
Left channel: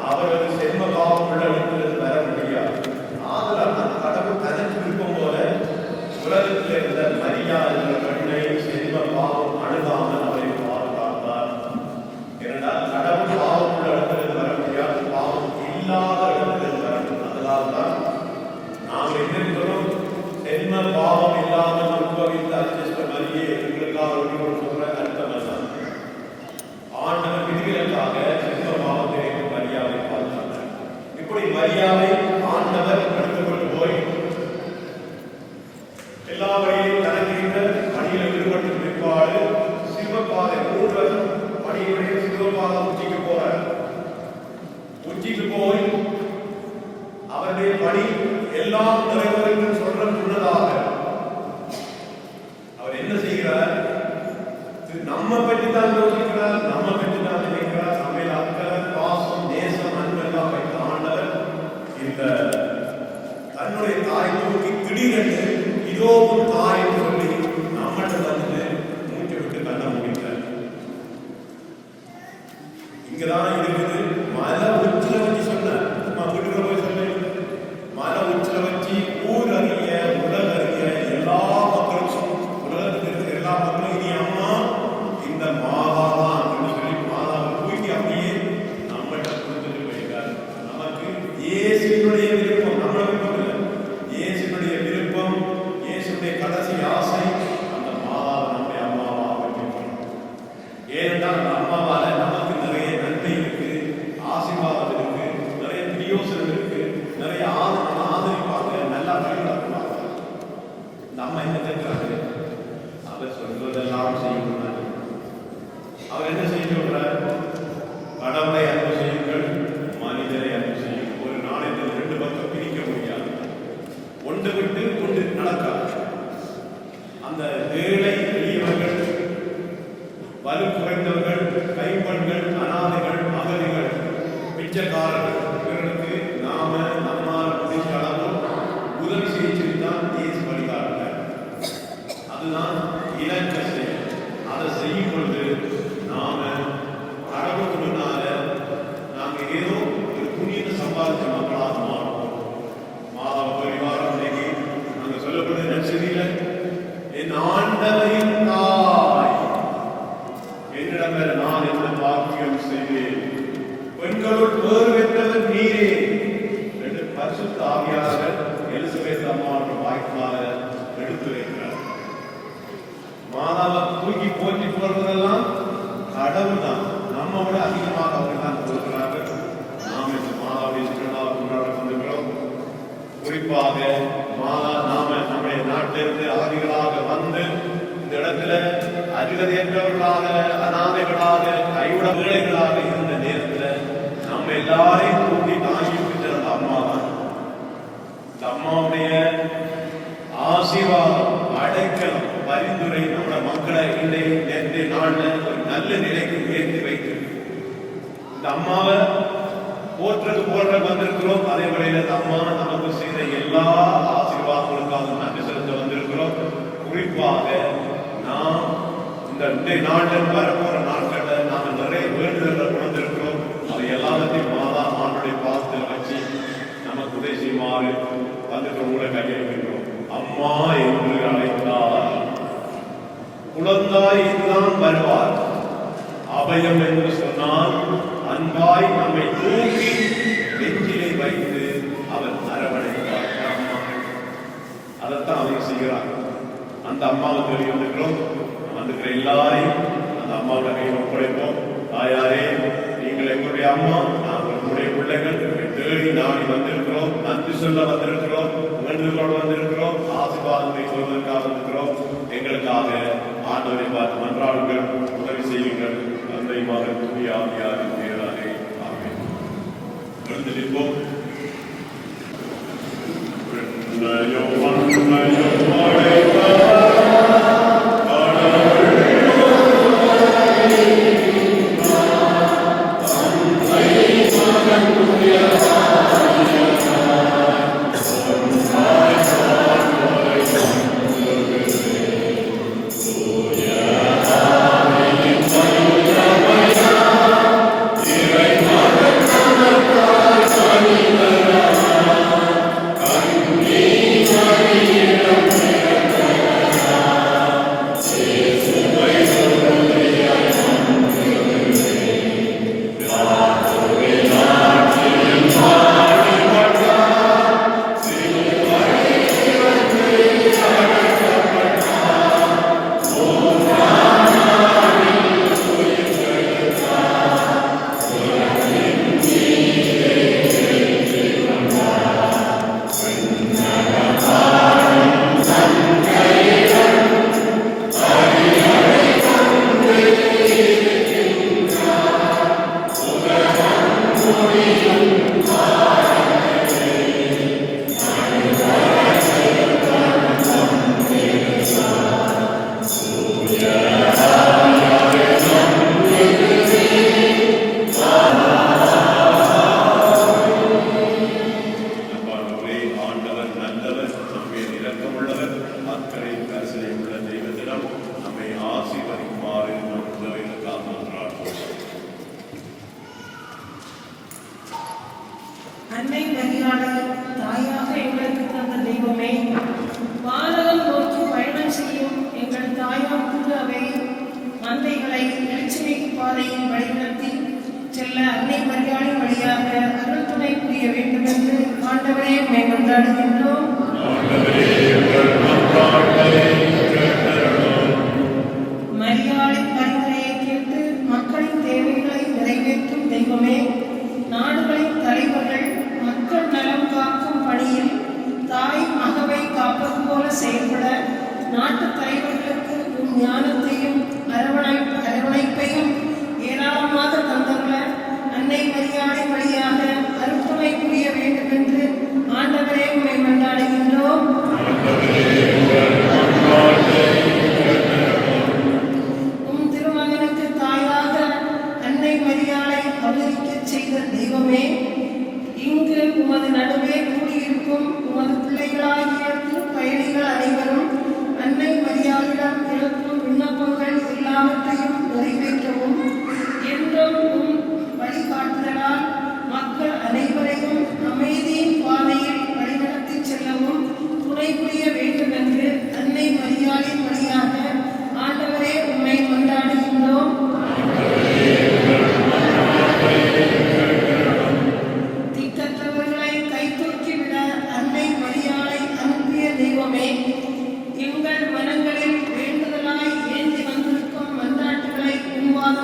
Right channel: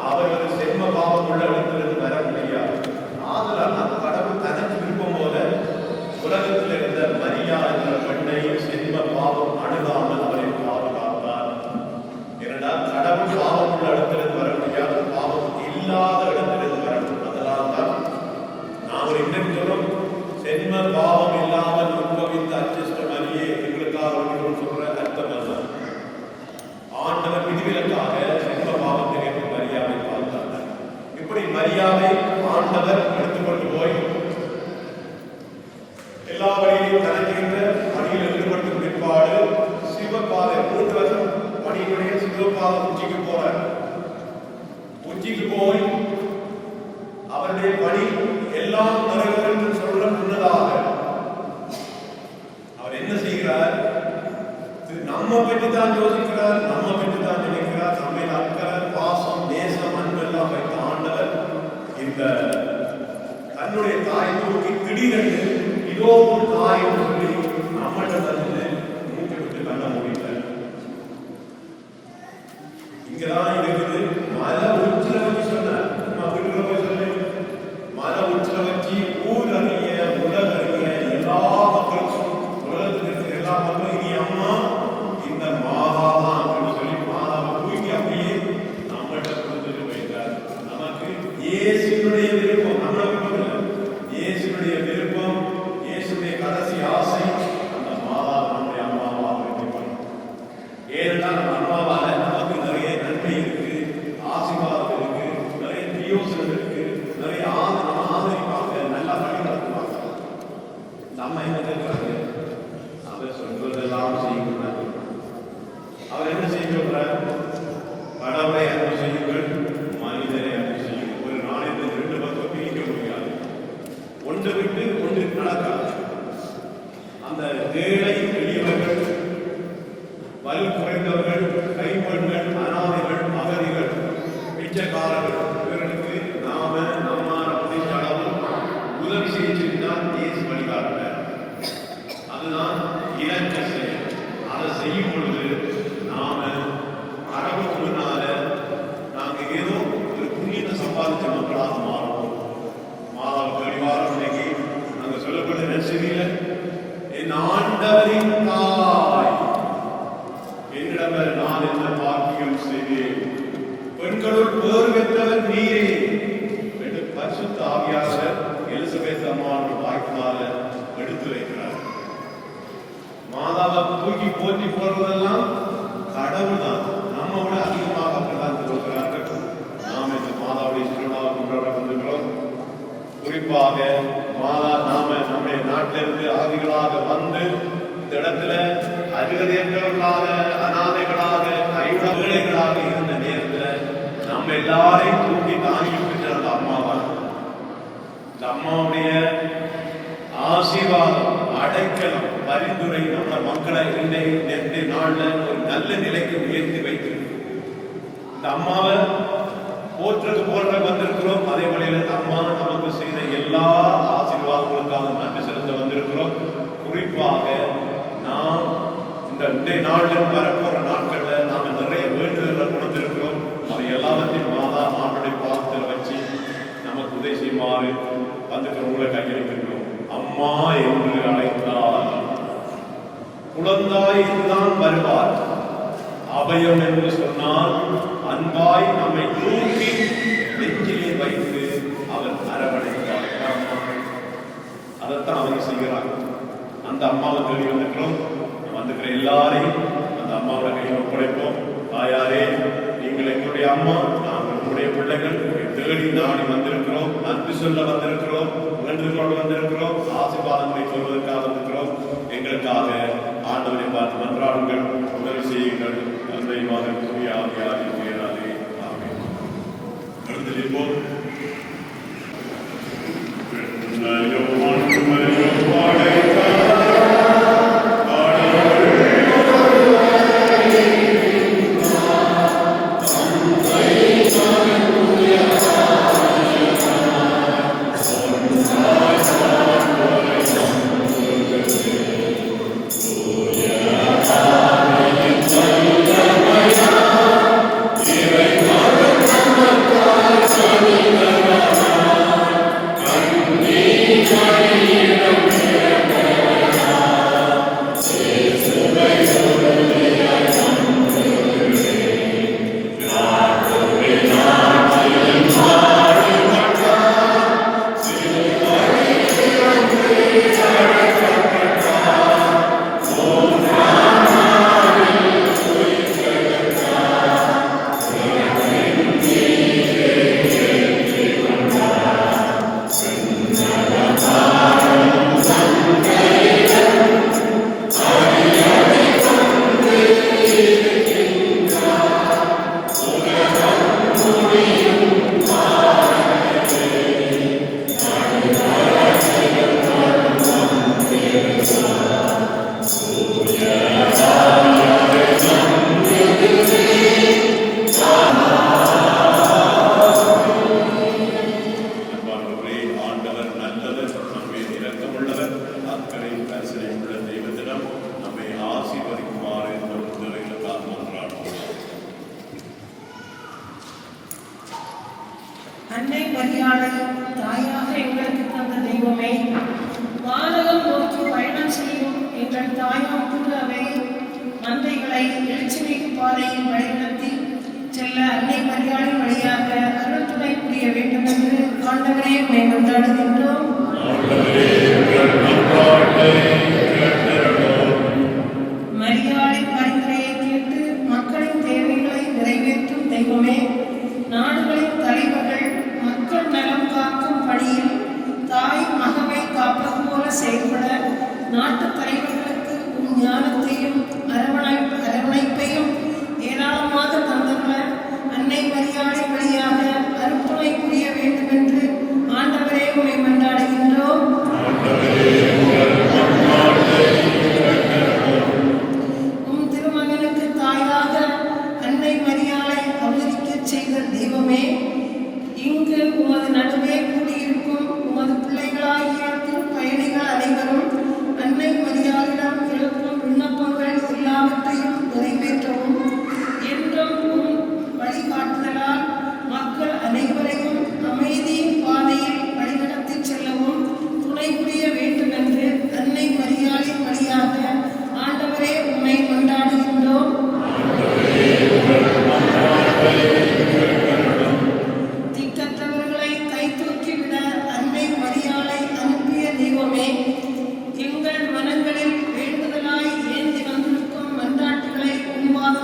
அவரது செல்வ பாவம் உள்ளடத்தில் வர முடியாது. ஆதலால் கடவுள் தனக்கு விருப்பம் போல உலகத்தில் இருந்த மரியா என்ற பெண்ணை செல்வ பாவம் அணுகாமல் அவரை பாதுகாத்தார். ஏனென்றால் கடவுள் பாவம் உள்ள இடத்தில் வர முடியாது, பாவம் இல்லாத இடத்தில் வரும். அதனால் தான் நாம் எதிர்க்கிறோம் செல்வ பாவம் இல்லாமல் உருவமித்த அச்சிஷ்ட மரியை எங்களுக்காக ஒன்று சொல்ற அர்த்தம் அல்ல. ஆண்டவர் விதிகளுக்காக செல்வ பாவத்தை மரியாதை பார்த்தார். இப்படி மரியாதை ஆண்டவர் எடுத்துக்கொண்டு போய் எல்லா வழியிலும் தனக்கின்ற பணியில் ஈடுபட்டு பிற்பாடு சிவபாதை 3 பணியுடைய சிவபாதை உச்சிக்கு போறார். உச்சிக்கு போய் அவருடைய பணி எல்லாம் நிறைவேறும் சொல்ற முன்னதாக அவர் என்ன செய்கிறார்? நம்ம பற்றி தான் யோசிக்கிறார், நம்ம பற்றி தான் நினைக்கிறார். நம்ம அக்கறை, பாசம், நேசம், அன்பு எல்லாம் வைத்த ஆண்டவர் இந்த தன்னுடைய தாயை நோக்கி திடீரென்று இதோ ஒரு தாய் என்று சொல்லி நம்மளோட தன்னை மூச்சு விட்டு காட்ட முடியல. இங்கதான் இருக்குது மலை உச்சில வச்சு சொன்னார். மலை உச்சில வச்சு ஊர் அறிய உலக அறிய எல்லா மக்களுக்கும் உலகத்தில் இருக்கிற எல்லா மக்களும் இனி அம்மா இந்த மாதாதான் என்று சொல்லி மாதாவை தூக்கி அப்படியே நம்மள்கிட்ட கொடுத்துட்டு போயிருக்கார். நமக்கு இயேசுடைய விருப்பம், நம்ம விருப்பம் இல்லை, இயேசுடைய விருப்பம், இயேசுடைய கடைசி ஆசை அந்த மாதா நம்முடைய அம்மாவாக வைக்கப்படும். ஏனென்றால் அம்மாவால நமக்கு நிறைய நன்மை இருக்கு, ஆசீர்வாதம் இருக்கு, நிறைய பிரியோசனம் இருக்கு, நிறைய ஆதரிப்பாங்க, நல்லா வழிநடத்துவாங்க. நம்ம என்ன கேட்கிறாங்க? அவர் சொல்வதெல்லாம் செய்யக்கூடாது. அவர் என்ன செய்யக்கூடாது? கடவுளை அன்பு செய்யுங்கள், மனிதரை அன்பு செய்யுங்கள். ஒரு நாளைக்கு 2 பக்கம் பிரிக்க முடியாது. ஒன்று விட்டு ஒன்று நடக்காது. அந்த ஏழை எளியவர்கள், வலு குறைந்தவர்கள், கைம்பெண்கள், அனாதைகள், மகளிர்கள், பிச்சைக்காரர்கள், இவர்களுக்கு நாம நம்மால் முடிந்த அளவு உதவி செய்திருந்தால் தேசி வழிகாட்டுகிறார். அதுதான் இலக்க செயல். அதை செய்யும் பொழுது நாம கடவுளுக்கு முன்னால நாங்கள் ஏதோ ஒரு புண்ணியத்தை சம்பாதித்த மக்களாக மாறுவோம். மாதா பரிவாரம் இன்னைக்கு நாங்கள் சொல்லப்பட்ட நெசரியில் என் ஆண்டவரின் தாய் என்னிடம் நான் என்ன பாக்கியம் செய்தேன், பெண்களுள் பேறு பெற்றவர் நீரே என்று பரிசுத்த ஆவியாளர் எலிசபெத் அம்மாவோட வாய்ப்பாக எடுத்து வைக்கிறார். மாதாவை தூக்கி போற்றி போடுறதெல்லாம் கடவுள் தான், நம்மோட அதிகமாக அப்படிதான் கொடுக்கிறார்கள். நாம் இந்த மாதாவை திருவிழா கொண்டாட கொண்டிருக்கிறோம். குறிப்பாக மாதா நாம நம்முடைய நாட்டிலிருந்து அகதிகளாக வந்து இந்த இடத்துல அருகதையற்றவர்களாக, அநாதைகளாக, கைவிடர்களாக இருந்த நேரத்தில் நம்ம எல்லாரையும் தூக்கி தானே மக்களை நேற்றைய நாளில் ஒரு நல்ல நிலைக்கு உயர்த்தி வைத்திருக்கு. இந்த அம்மாவை போற்ற வந்திருக்கிறோம். அதே வகையில் இந்த அம்மா நமக்கு செய்த எல்லா ஆசீர்வாதங்களுக்காக நன்றி செலுத்த வந்திருக்கிறோம். குறிப்பாக நாம் இந்த நாளில் வரப்போற நாட்களில் நாங்கள் நிறைய வேண்டுதல்கள் கொடுத்திருக்கிறோம். அது எல்லாத்தையும் மாதா ஆண்டுடைய பாதத்தில் வச்சு நமக்கு உதவி செய்யுமாறு வந்துட்டு உங்களை கையெழுக்கிறோம். அம்மா என்று அழைத்தால் குழந்தாய் தான் வருவார். அபயம் என்று சொன்னால் அன்பாய் நம்மை தூக்கி நெஞ்சிலே வைத்து அவர் அரவணைத்தார். அதைத்தான் அவர் செய்கிறார். அந்த அம்மாவை தேடி வந்துக்கிறோம். வந்துக்கிற எல்லாரையும் அந்த அம்மாவை கையில் ஒப்படைப்போம். தாயாரே, நீங்கள் எங்களுடைய அம்மா, நாங்கள் உங்களுடைய பிள்ளைகள் தேடி நாடி வந்திருக்கிறோம். அன்பு சொல்ல வந்திருக்கிறோம். வேண்டுகோள் வந்திருக்கிறோம். ஆசீர்வாதங்களை சொல்வதற்காக வந்திருக்கிறோம். எங்களுக்காக ஆண்டவரை பார்த்து மன்றாடுங்கள், உதவி செய்யுங்கள். அன்பை மாதிரி ஆவியாதி பேராதே. எழுந்திருப்போம். அன்னை மரியாதை தாயாக எங்களுக்கு தந்த தெய்வமே, வானகம் நோக்கி பயணம் செய்யும் எங்கள் தாயாம் புதுவை மந்தைகளை எழுச்சிமிகு பாதையில் வழிநடத்தி செல்ல அன்னை மரியாதை வழியாக அருள்துணை புரிய வேண்டும் என்று ஆண்டவரே உம்மை கொண்டாடுகின்றோம். மரியாதை பரிந்துரையை கேட்டு மக்களின் தேவைகளை நிறைவேற்றும் தெய்வமே, நாடுகளின் தலைவர்கள் மக்கள் நலம் காக்கும் பணியில் தாய் மகவை காப்பது போல செயல்பட நாட்டு தலைவர்களுக்கு ஞானத்தையும் அரவணைப்பையும் ஏராளமாக தந்துள்ள அன்னை மரியாதை வழியாக அருள்துணை புரிய வேண்டும் என்று ஆண்டவரே உம்மை கொண்டாடுகின்றோம். உம் திருமகனுக்கு தாயாக அன்னை மரியாதை அவதரிக்கச் செய்த தெய்வமே, இங்கு உமது நடுவே கூடியிருக்கும் உமது பிள்ளைகளாகிய பயணிகள் அனைவரும் அன்னை மரியாதையிடம் எழுப்பும் விண்ணப்பங்கள் எல்லாவற்றையும் நிறைவேற்றவும் என்றும் உம் வழிகாட்டுதலால் மக்கள் அனைவரையும் அமைதியின் பாதையில் வழிநடத்தி செல்லவும் துணை புரிய வேண்டும் என்று அன்னை மரியாதை வழியாக ஆண்டவரே உம்மை கொண்டாடுகின்றோம். திட்டத்தவர்களை கைதூக்கிவிட அன்னை மரியாதை அனுப்பிய தெய்வமே, எங்கள் மனங்களில் வேண்டுதலாய் ஏந்தி வந்திருக்கும் மன்றாட்டுகளை உருவாக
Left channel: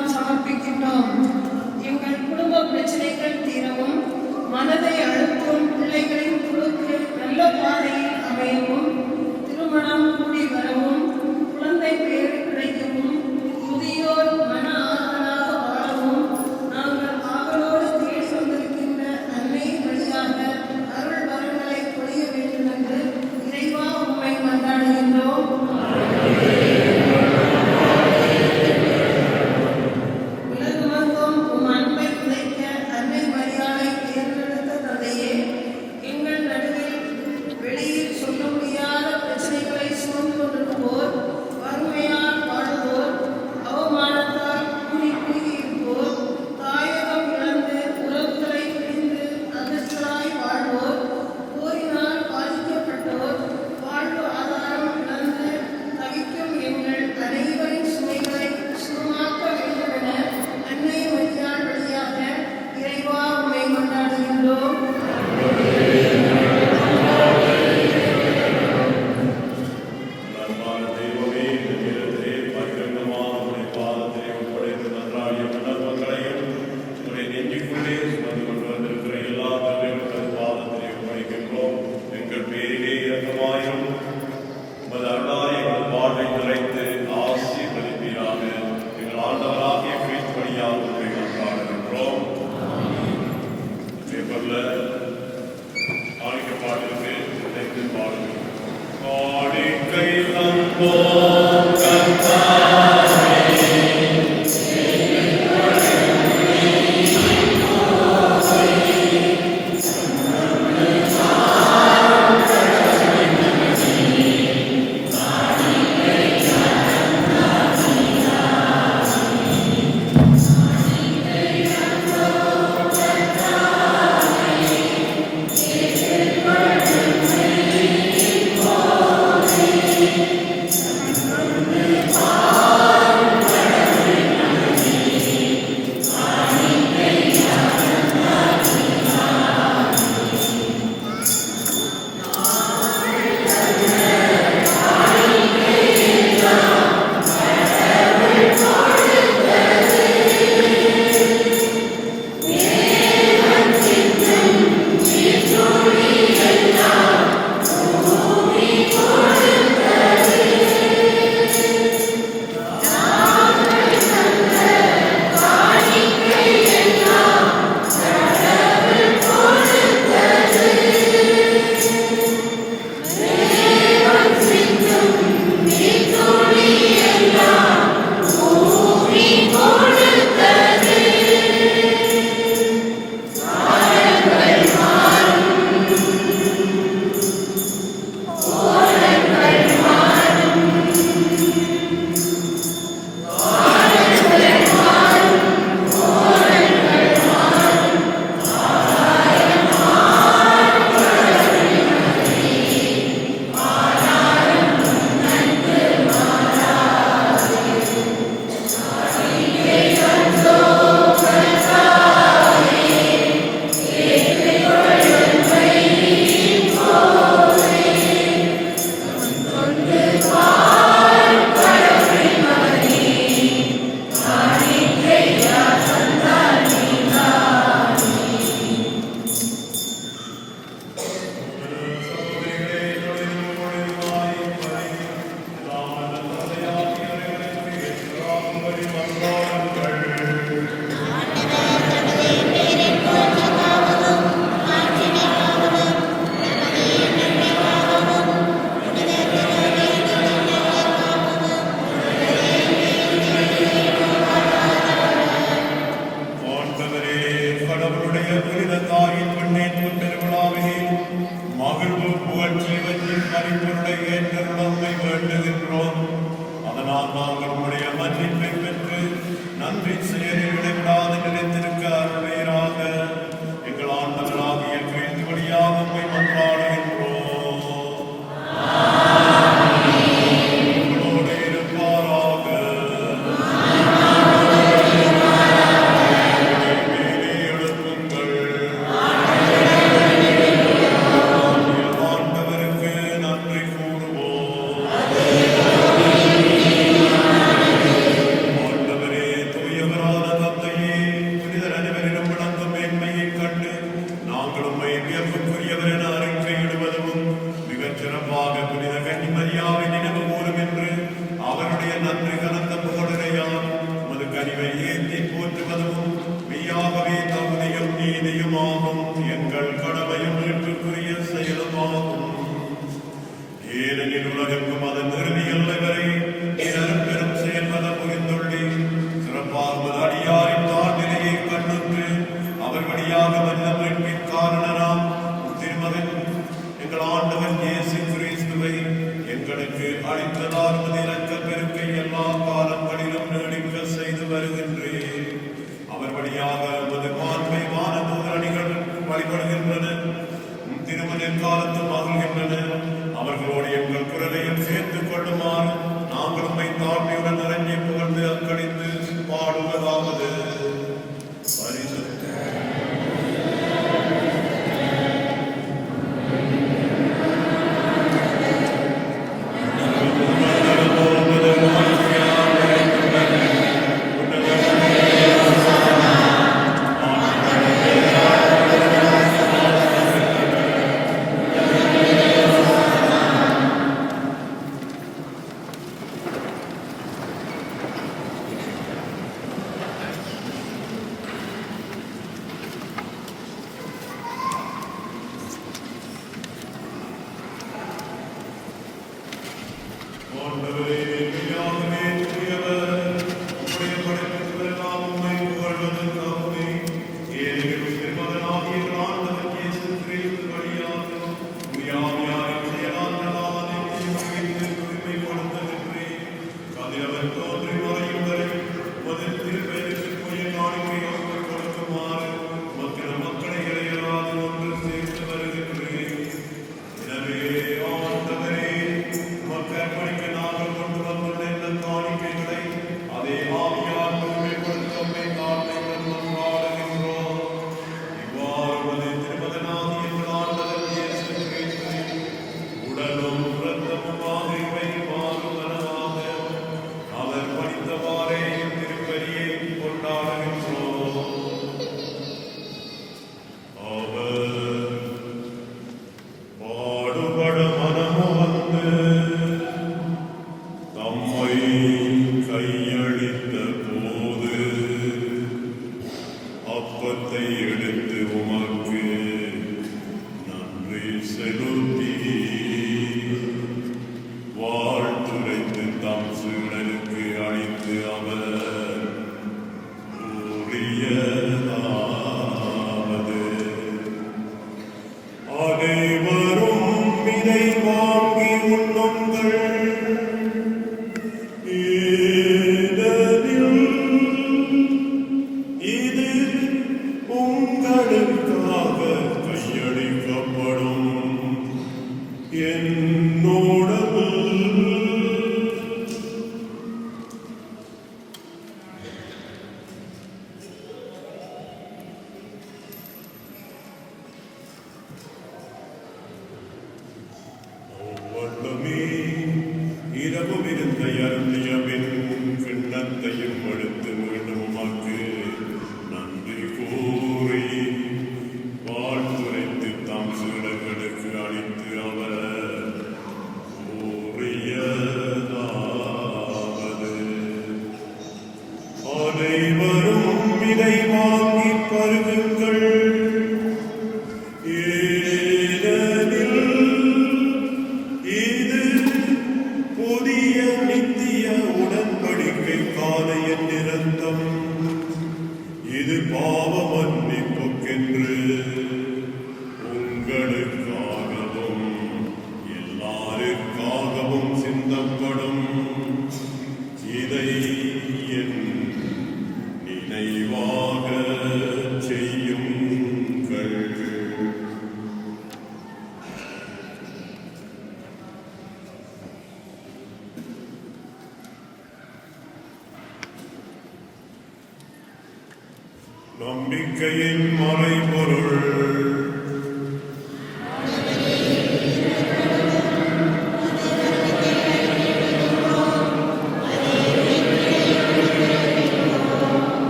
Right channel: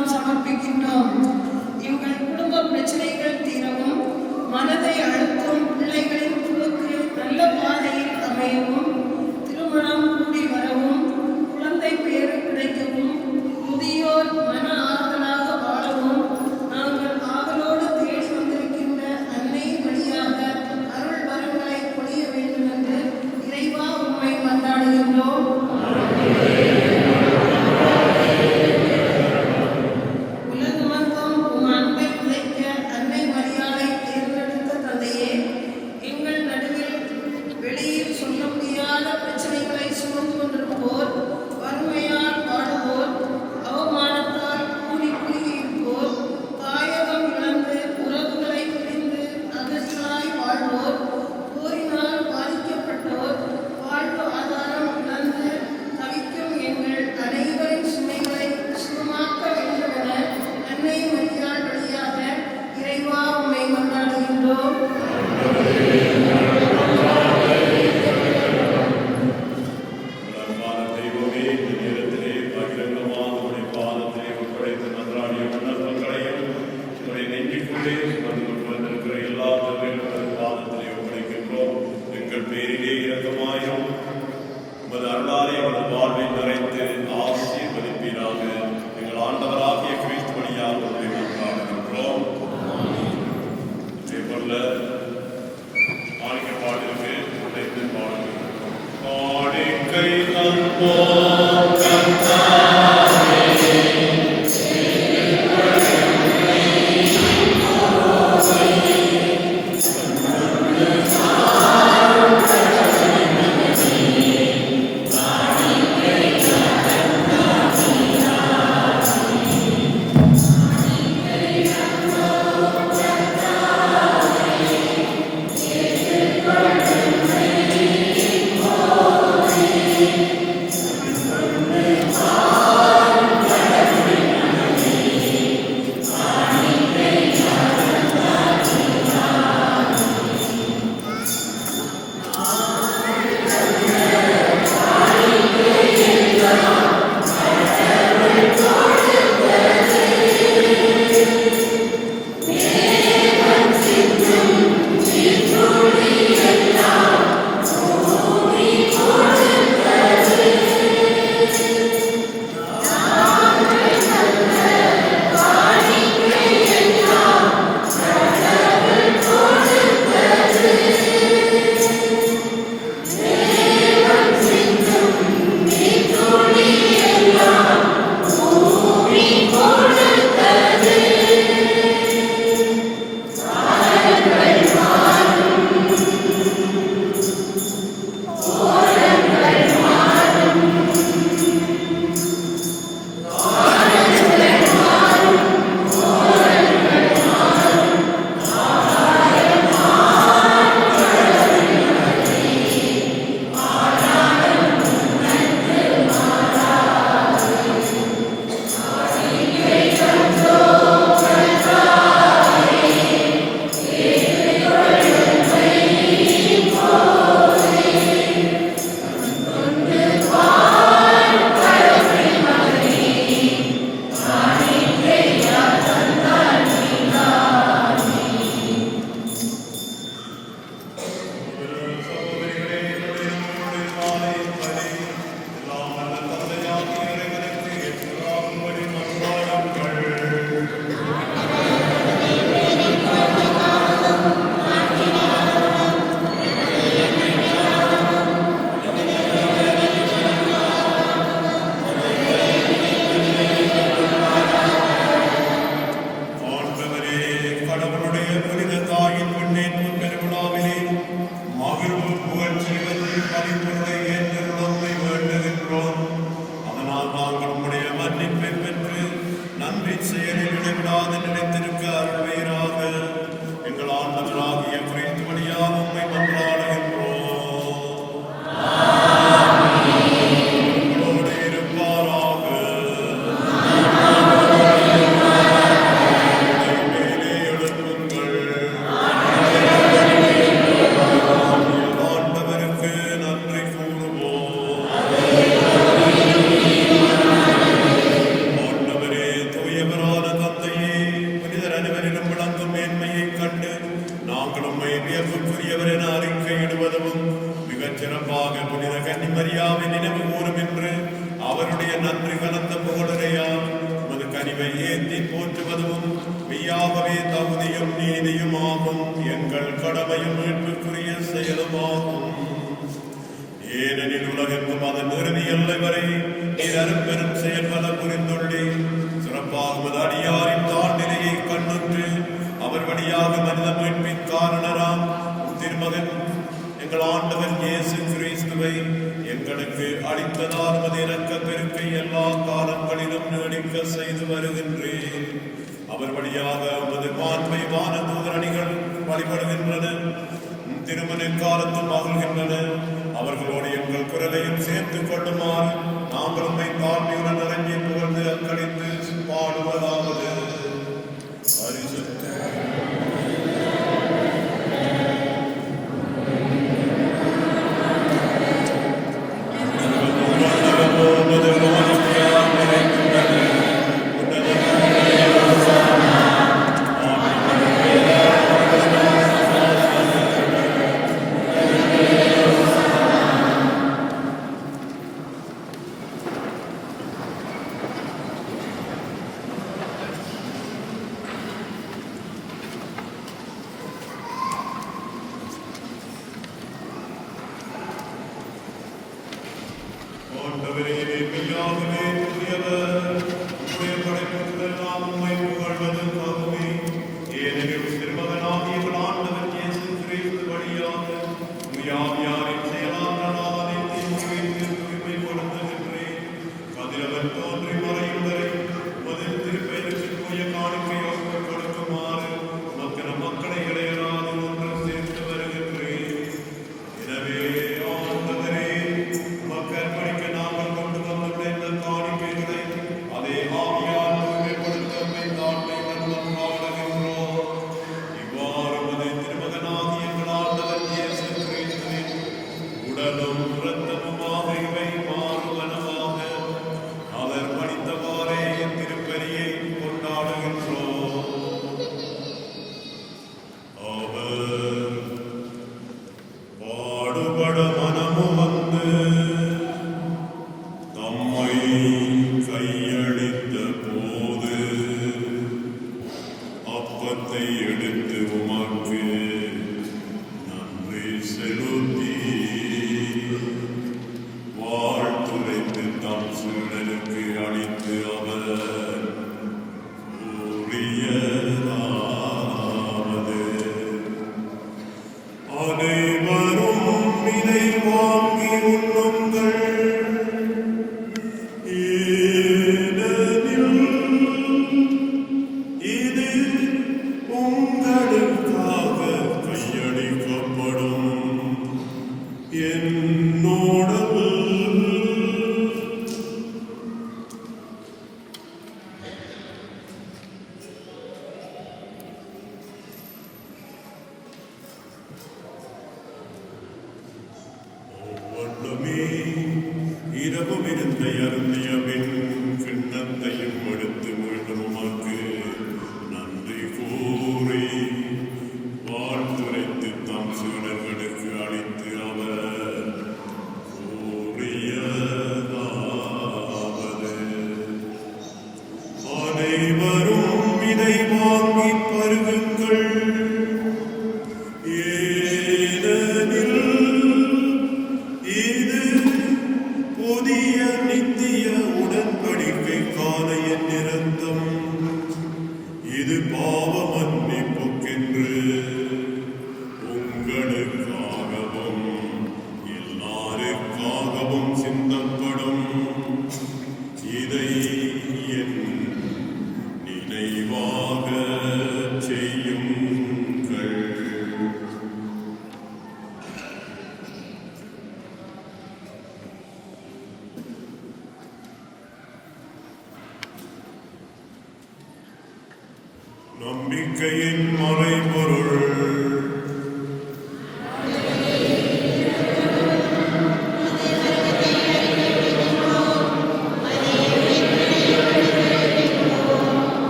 நம்பிக்கையின் மறைபொருள்.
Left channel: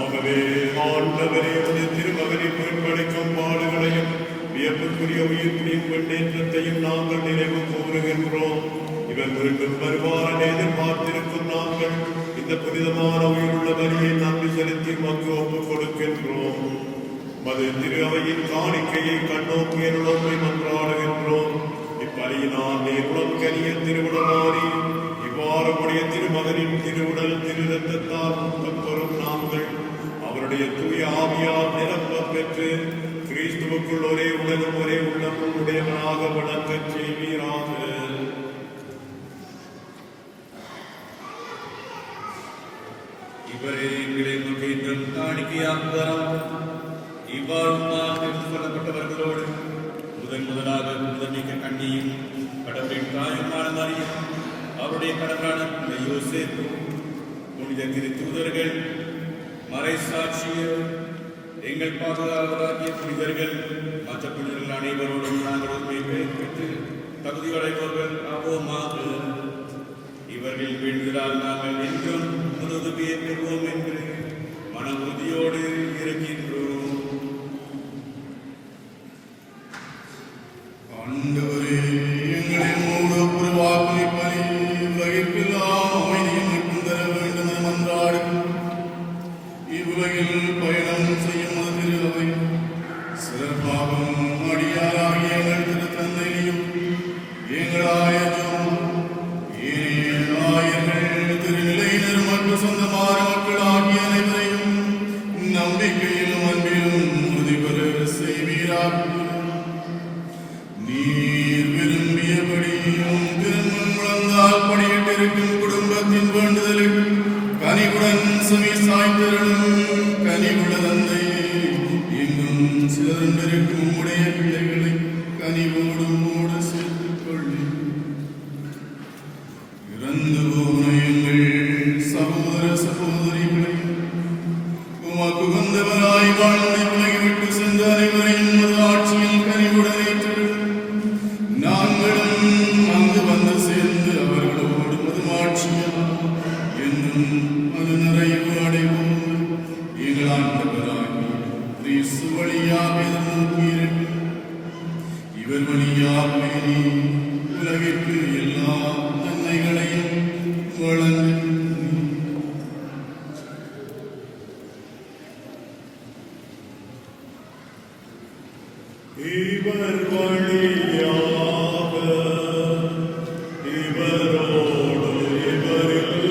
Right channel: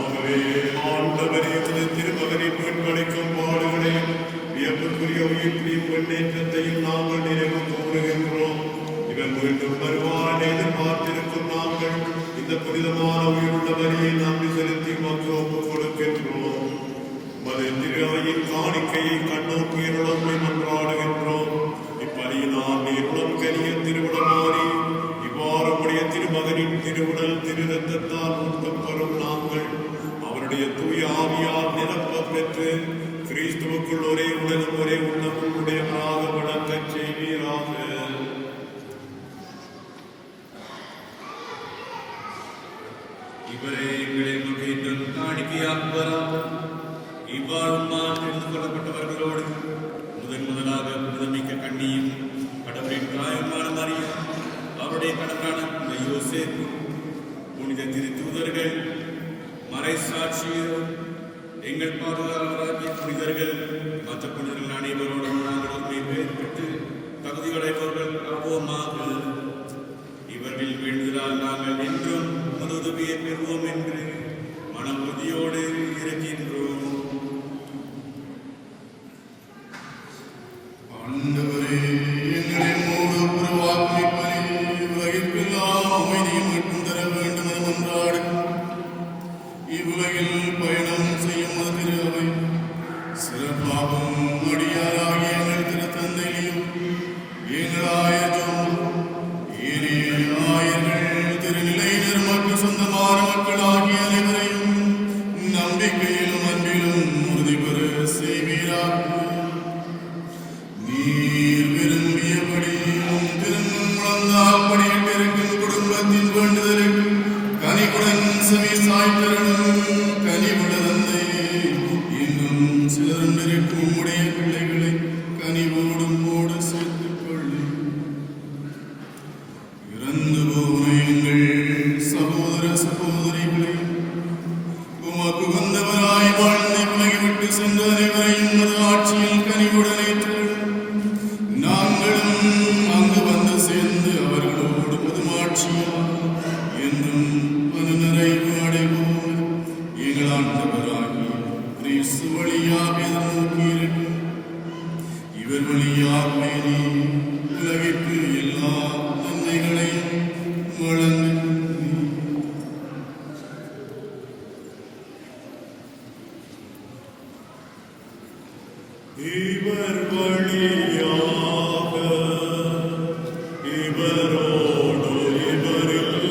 ஆகவே ஆண்டவரே, உமது திருமகனின் மீட்பளிக்கும் பாடுகளையும் வியப்புக்குரிய உயிர்ப்பின் முன்னேற்றத்தையும் நாங்கள் நினைவு கூறுகின்றோம். இவர் மீண்டும் வருவார் எதிர்பார்த்திருக்கும் நாங்கள் இந்த புனிதமான உயிருள்ள பலியை நன்றி செலுத்தி மக்கள் ஒப்புக் கொடுக்கின்றோம். திரு காணிக்கையை கண்ணோக்கிய நிலமை மன்றாடுகின்றோம். இப்பலியினால் நீருடன் கரிய திருவிடமாறி இவ்வாறு உடைய திருமகனின் திருவுடல் திரு ரத்தத்தால் முத்தம் பெறும் நாங்கள் அவருடைய தூய ஆவியால் நிரப்ப பெற்று கிறிஸ்துவுக்குள் ஒரே உடலும் ஒரே உள்ளமும் உடையவனாக வணக்கச் செய்வீராக. இவரே எங்களுக்கு காணிக்கையாக்குவாராக. இவ்வாறு நான் கொல்லப்பட்டவர்களோடு முதலாக முதன்மிக்க கண்ணியும் கடவுளின் தாயுமான மரியும் அவருடைய கடமையான யோசேப்பு புனித திருத்தூதர்கள் மறைசாட்சியோடு எங்கள் பாதுகாவலாகிய புனிதர்கள் மற்ற புனிதர்கள் அனைவரோடும் நாங்கள் உண்மை பெற்று தகுதியடைவர்கள் ஆவோமாக. இவர்கள் வேண்டுதலால் நாங்கள் என்றும் உதவியை பெறுவோம் என்று மன உறுதியோடு இருக்கின்றோம். சிறப்பாக நாங்கள் கனிவுடன் ஏற்றுக்கொள்ளும். நாங்களும் அங்கு வந்து சேர்ந்து அவர்களோடு மதுமாட்சியும் என்றும் அது நிறைவு அடைவோம். எங்கள் ஆண்டவராகிய கிறிஸ்து வழியாக நோக்கியிருக்கும். இவர் வழியாக நீ உலகிற்கு எல்லா நன்மைகளையும் வழங்கும். இவர் வழியாக இவரோடு இவரில்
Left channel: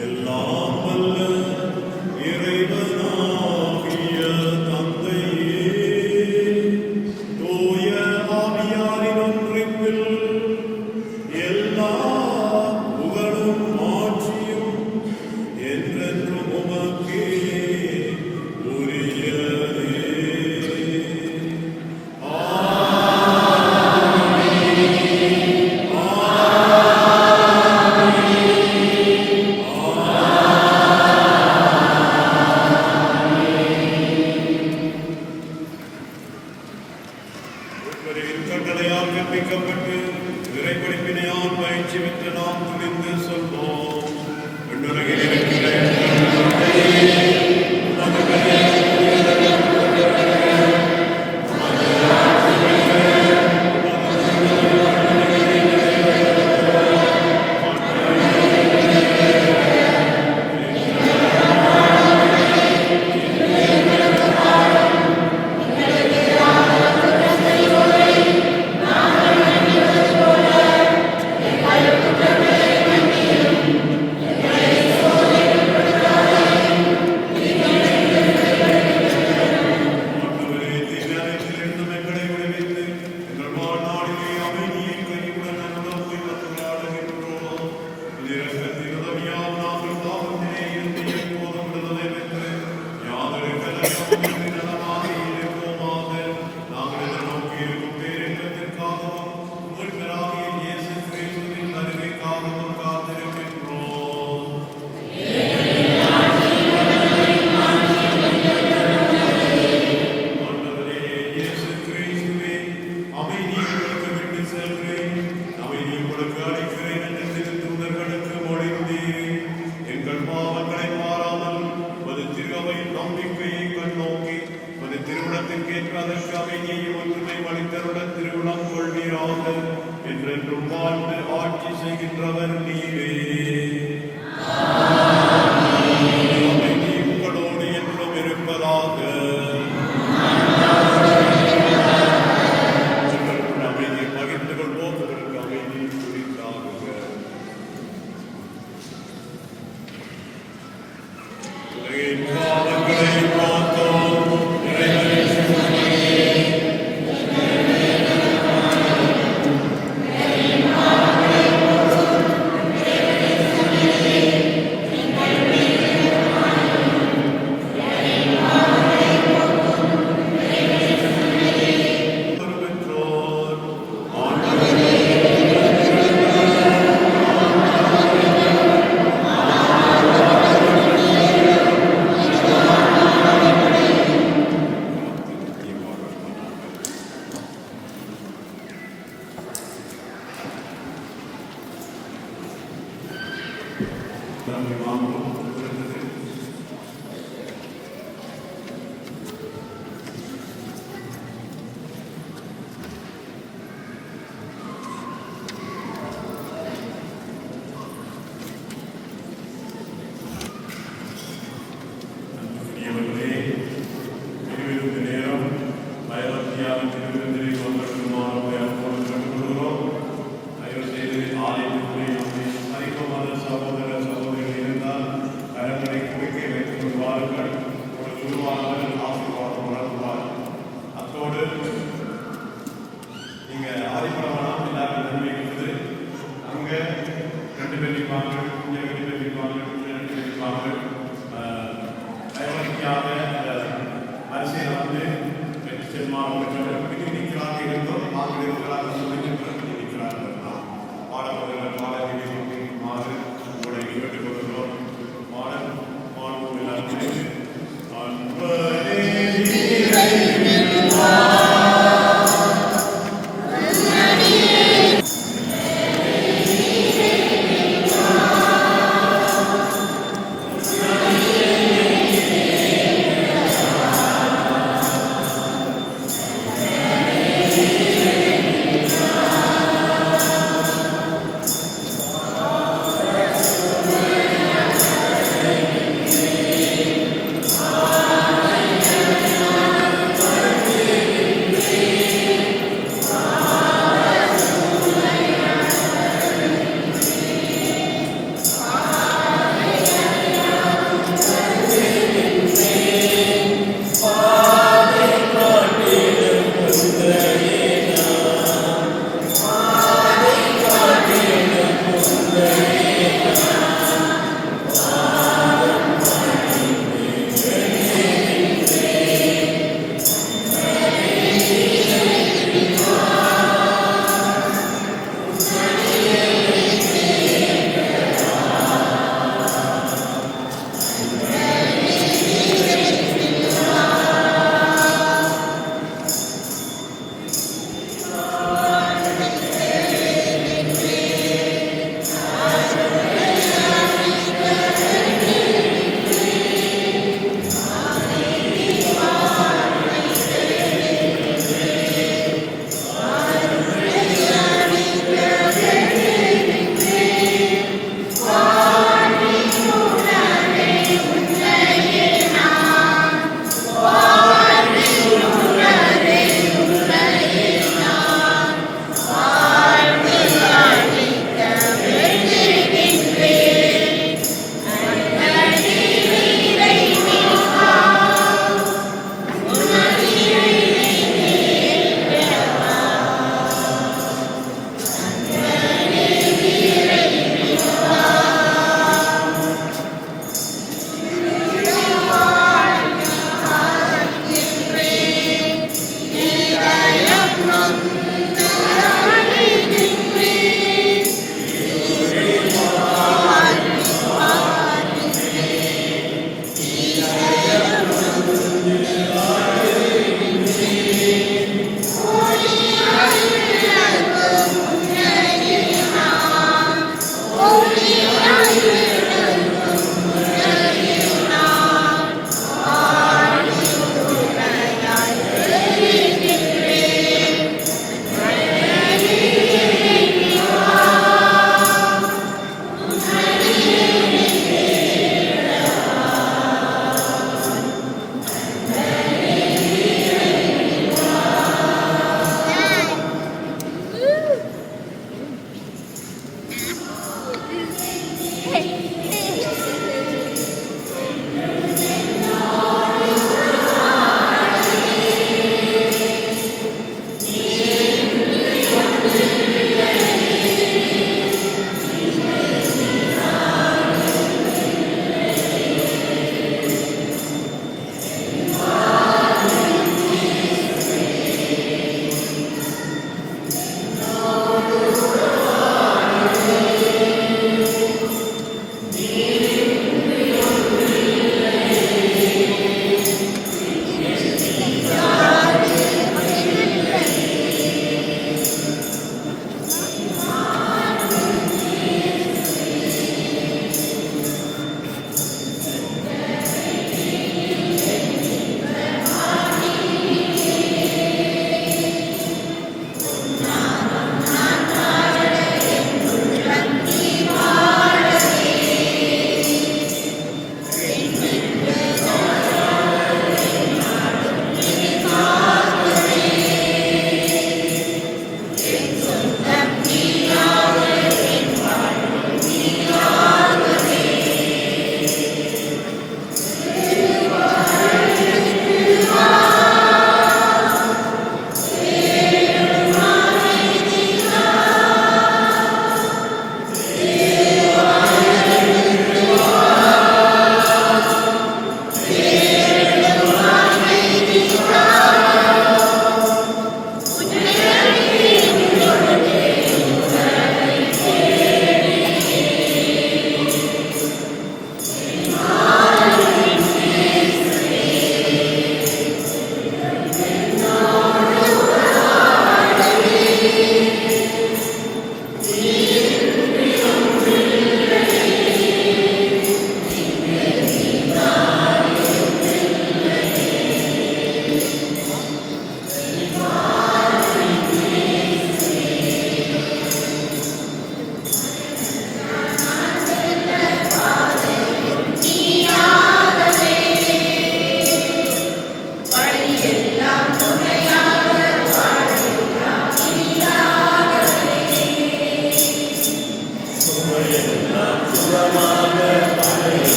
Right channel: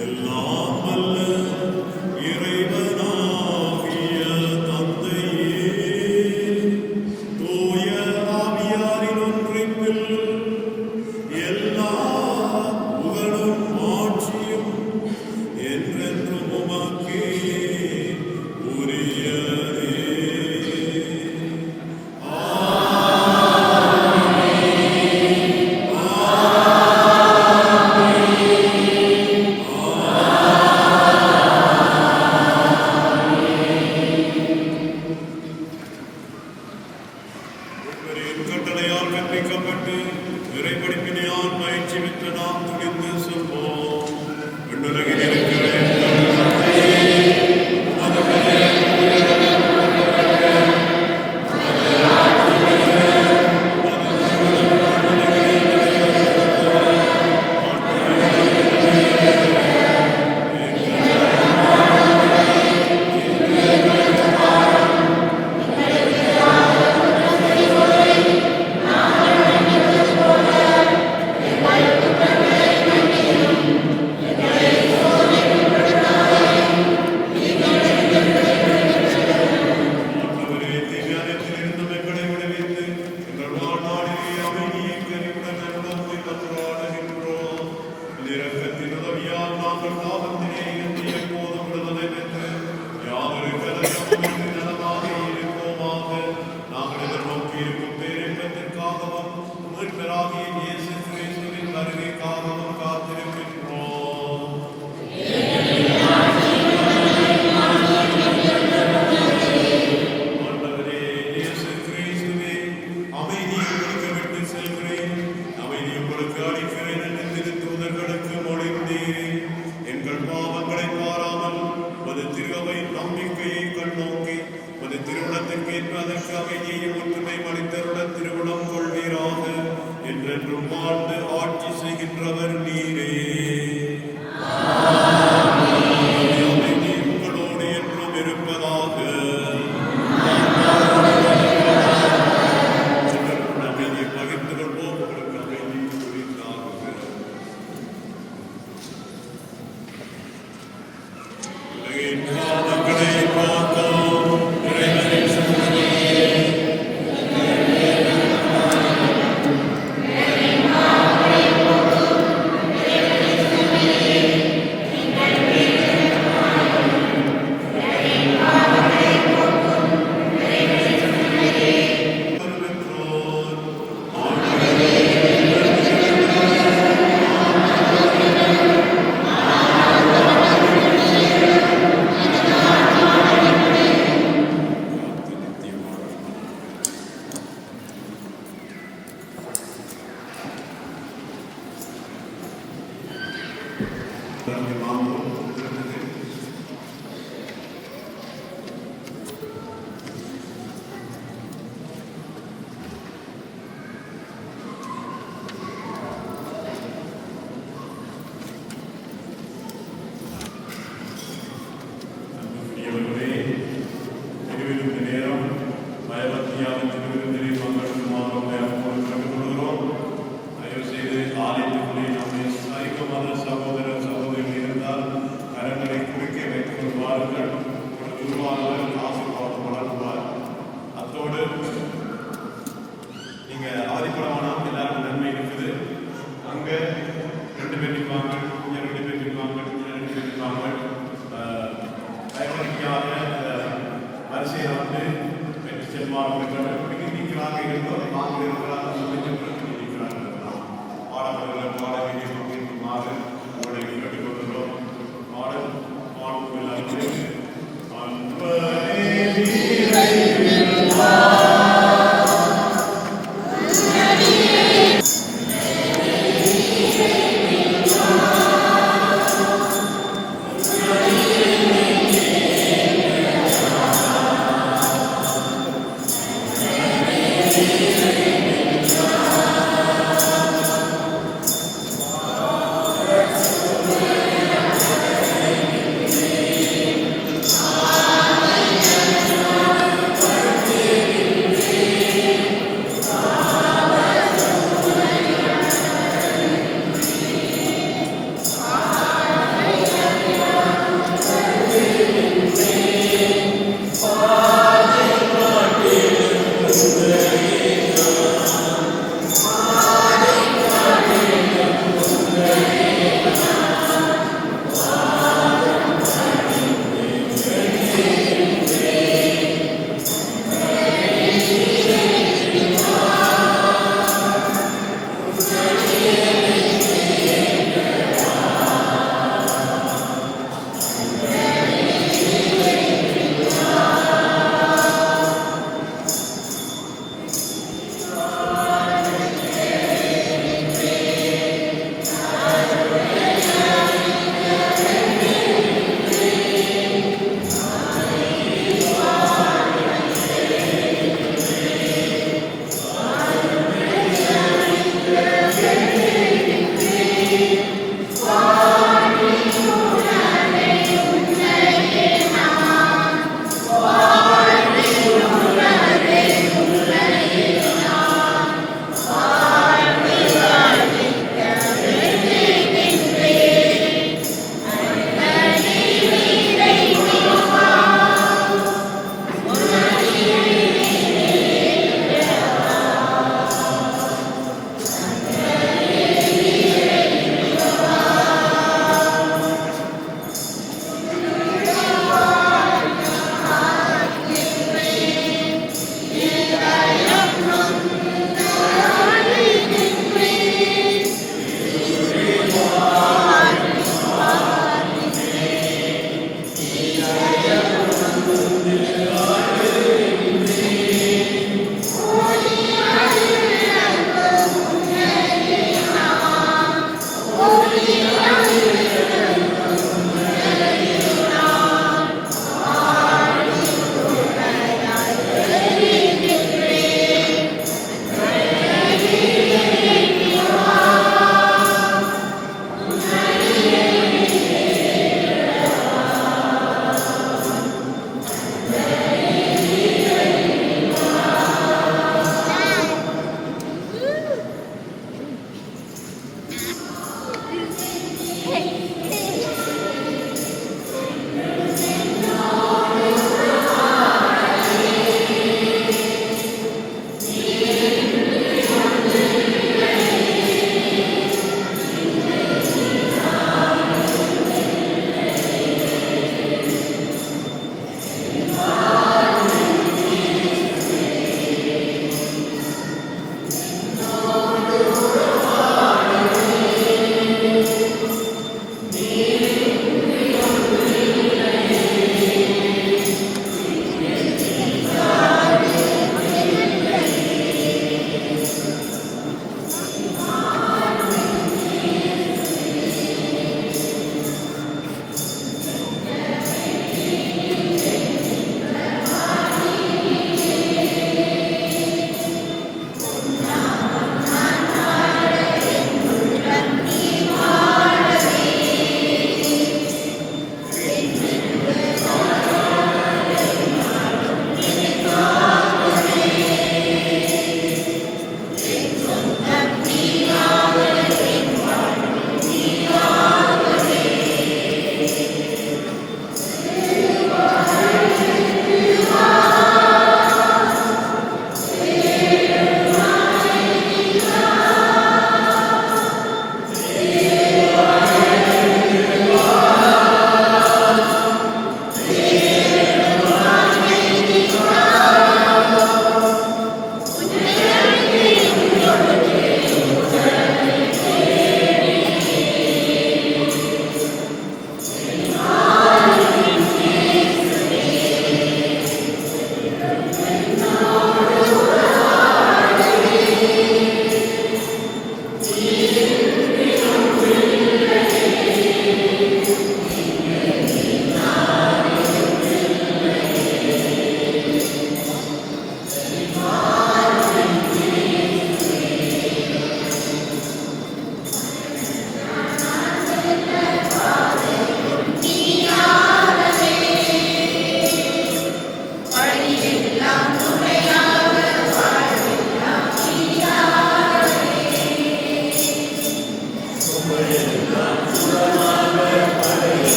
எல்லாம் வல்ல இறைவனாகிய தந்தையே, தூய ஆவியாரின் ஒன்றிப்பில் எல்லா புகழும் ஆட்சியும் என்றென்றும் உமக்கே உரியதே. கட்டளையால் கற்பிக்கப்பட்டு இறைப்படிப்பினையால் பயிற்சி பெற்ற நாம் துணிந்து சொல்வோம். விண்ணுலகில் இருக்கிற ஆட்சி செய்கின்றவர் நீரே. உங்களோடு என்றும் இருப்பதாக. அமைதியை பகிர்ந்து கொள்வோம். உங்களுக்கு அமைதி குறித்தாக. உலகின் பாவங்களை காத்தோம். வரிசையில் வந்து பெற்று செல்வார்கள்.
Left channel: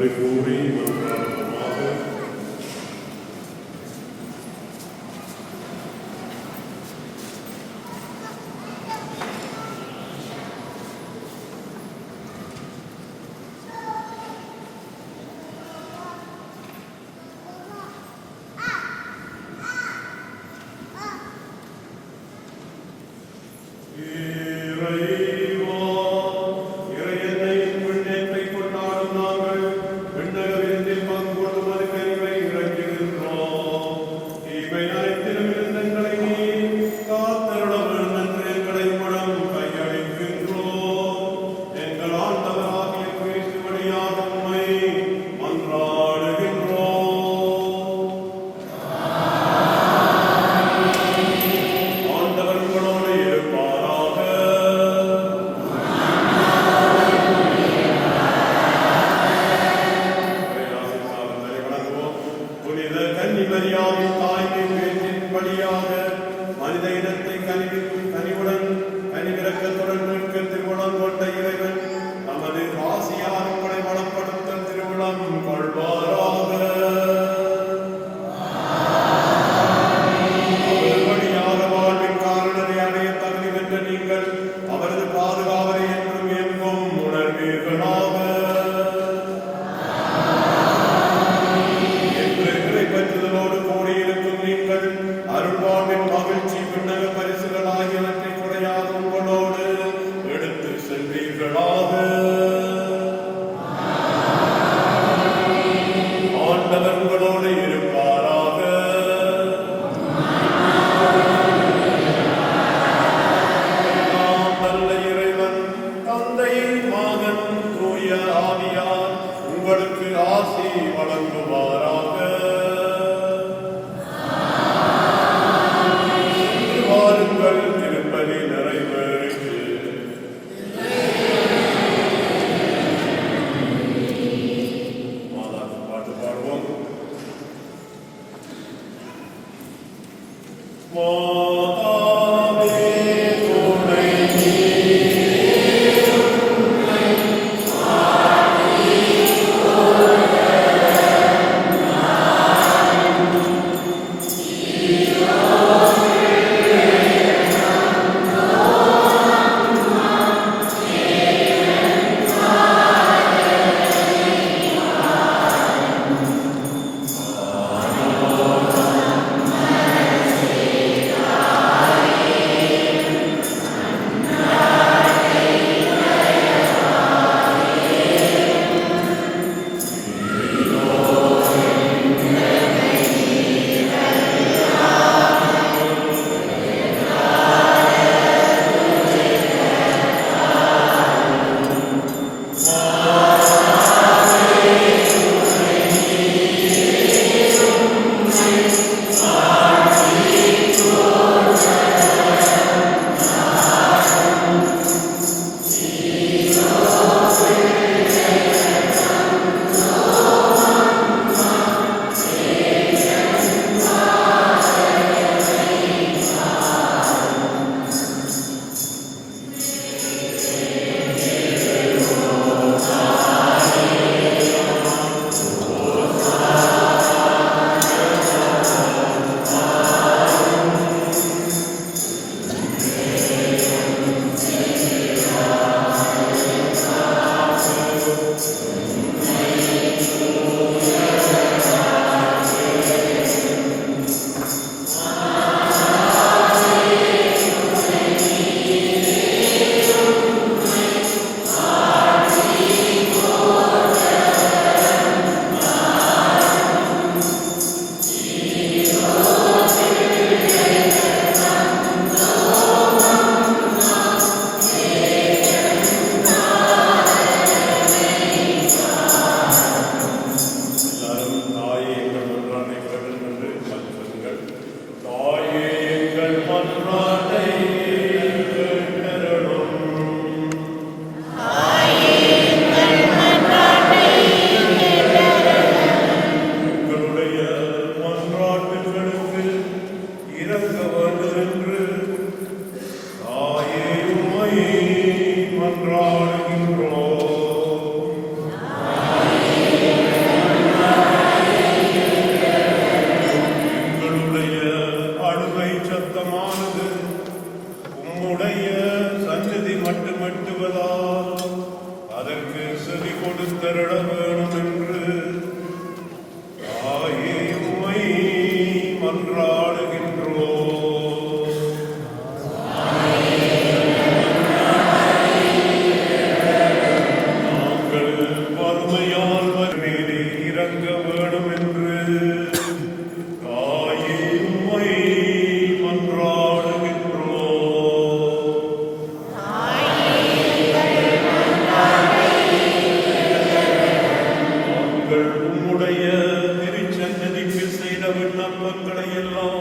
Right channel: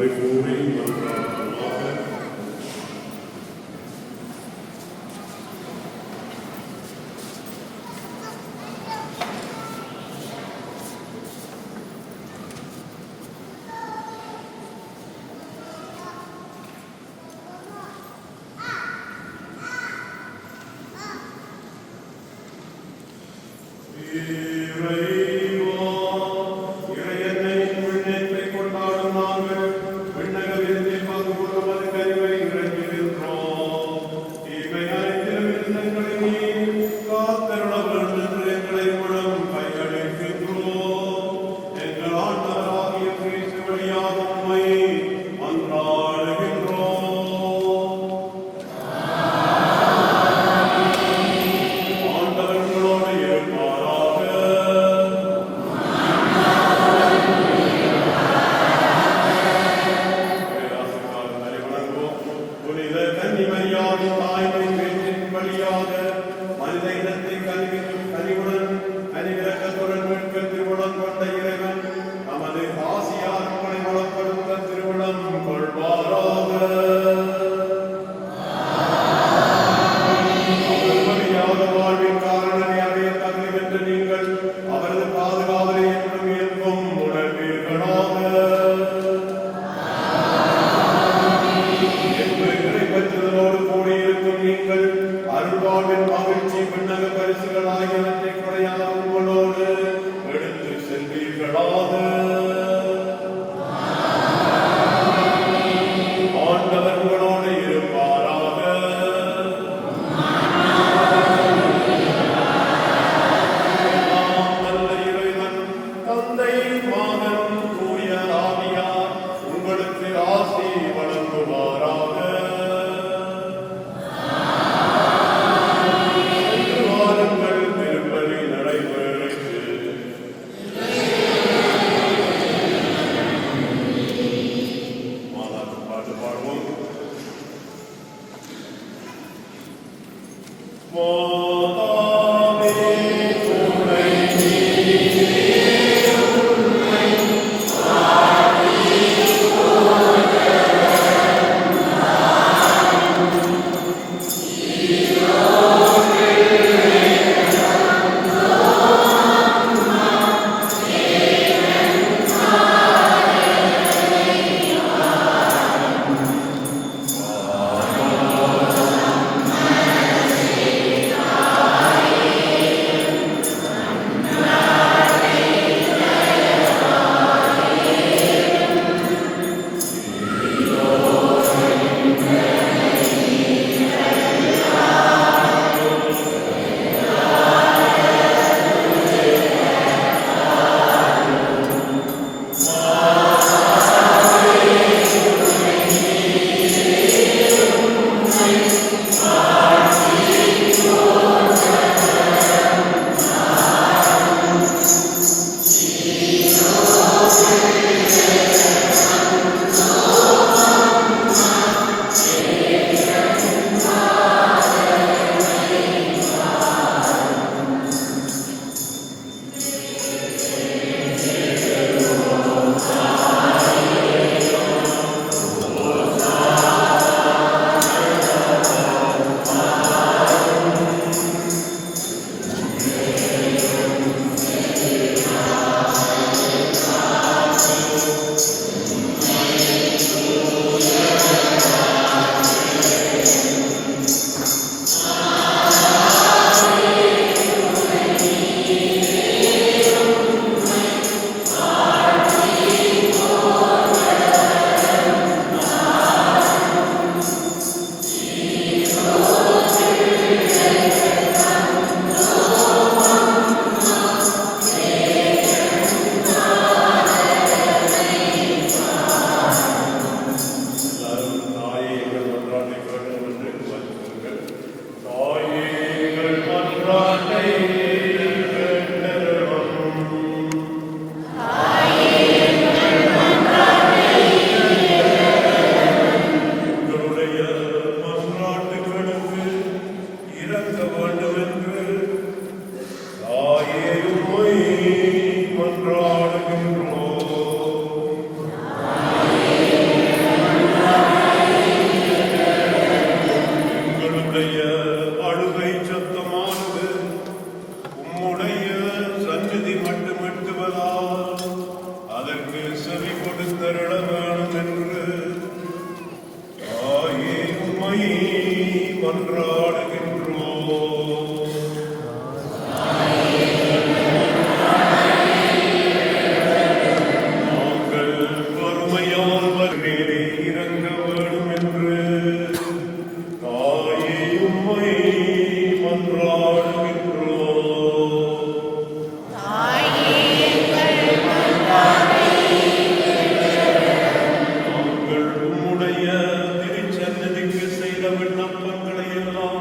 மனதை கூடி மன்றாடுவோமாக. மன்றாடுகின்றோம். நாங்கள் வறுமையால் வறுமையிலே இறங்க வேண்டும் என்று தாயே உம்மை மன்றாடுகின்றோம். நாங்கள் உம்முடைய திருச்சன்னதிக்கு செய்த விண்ணப்பங்களை எல்லாம்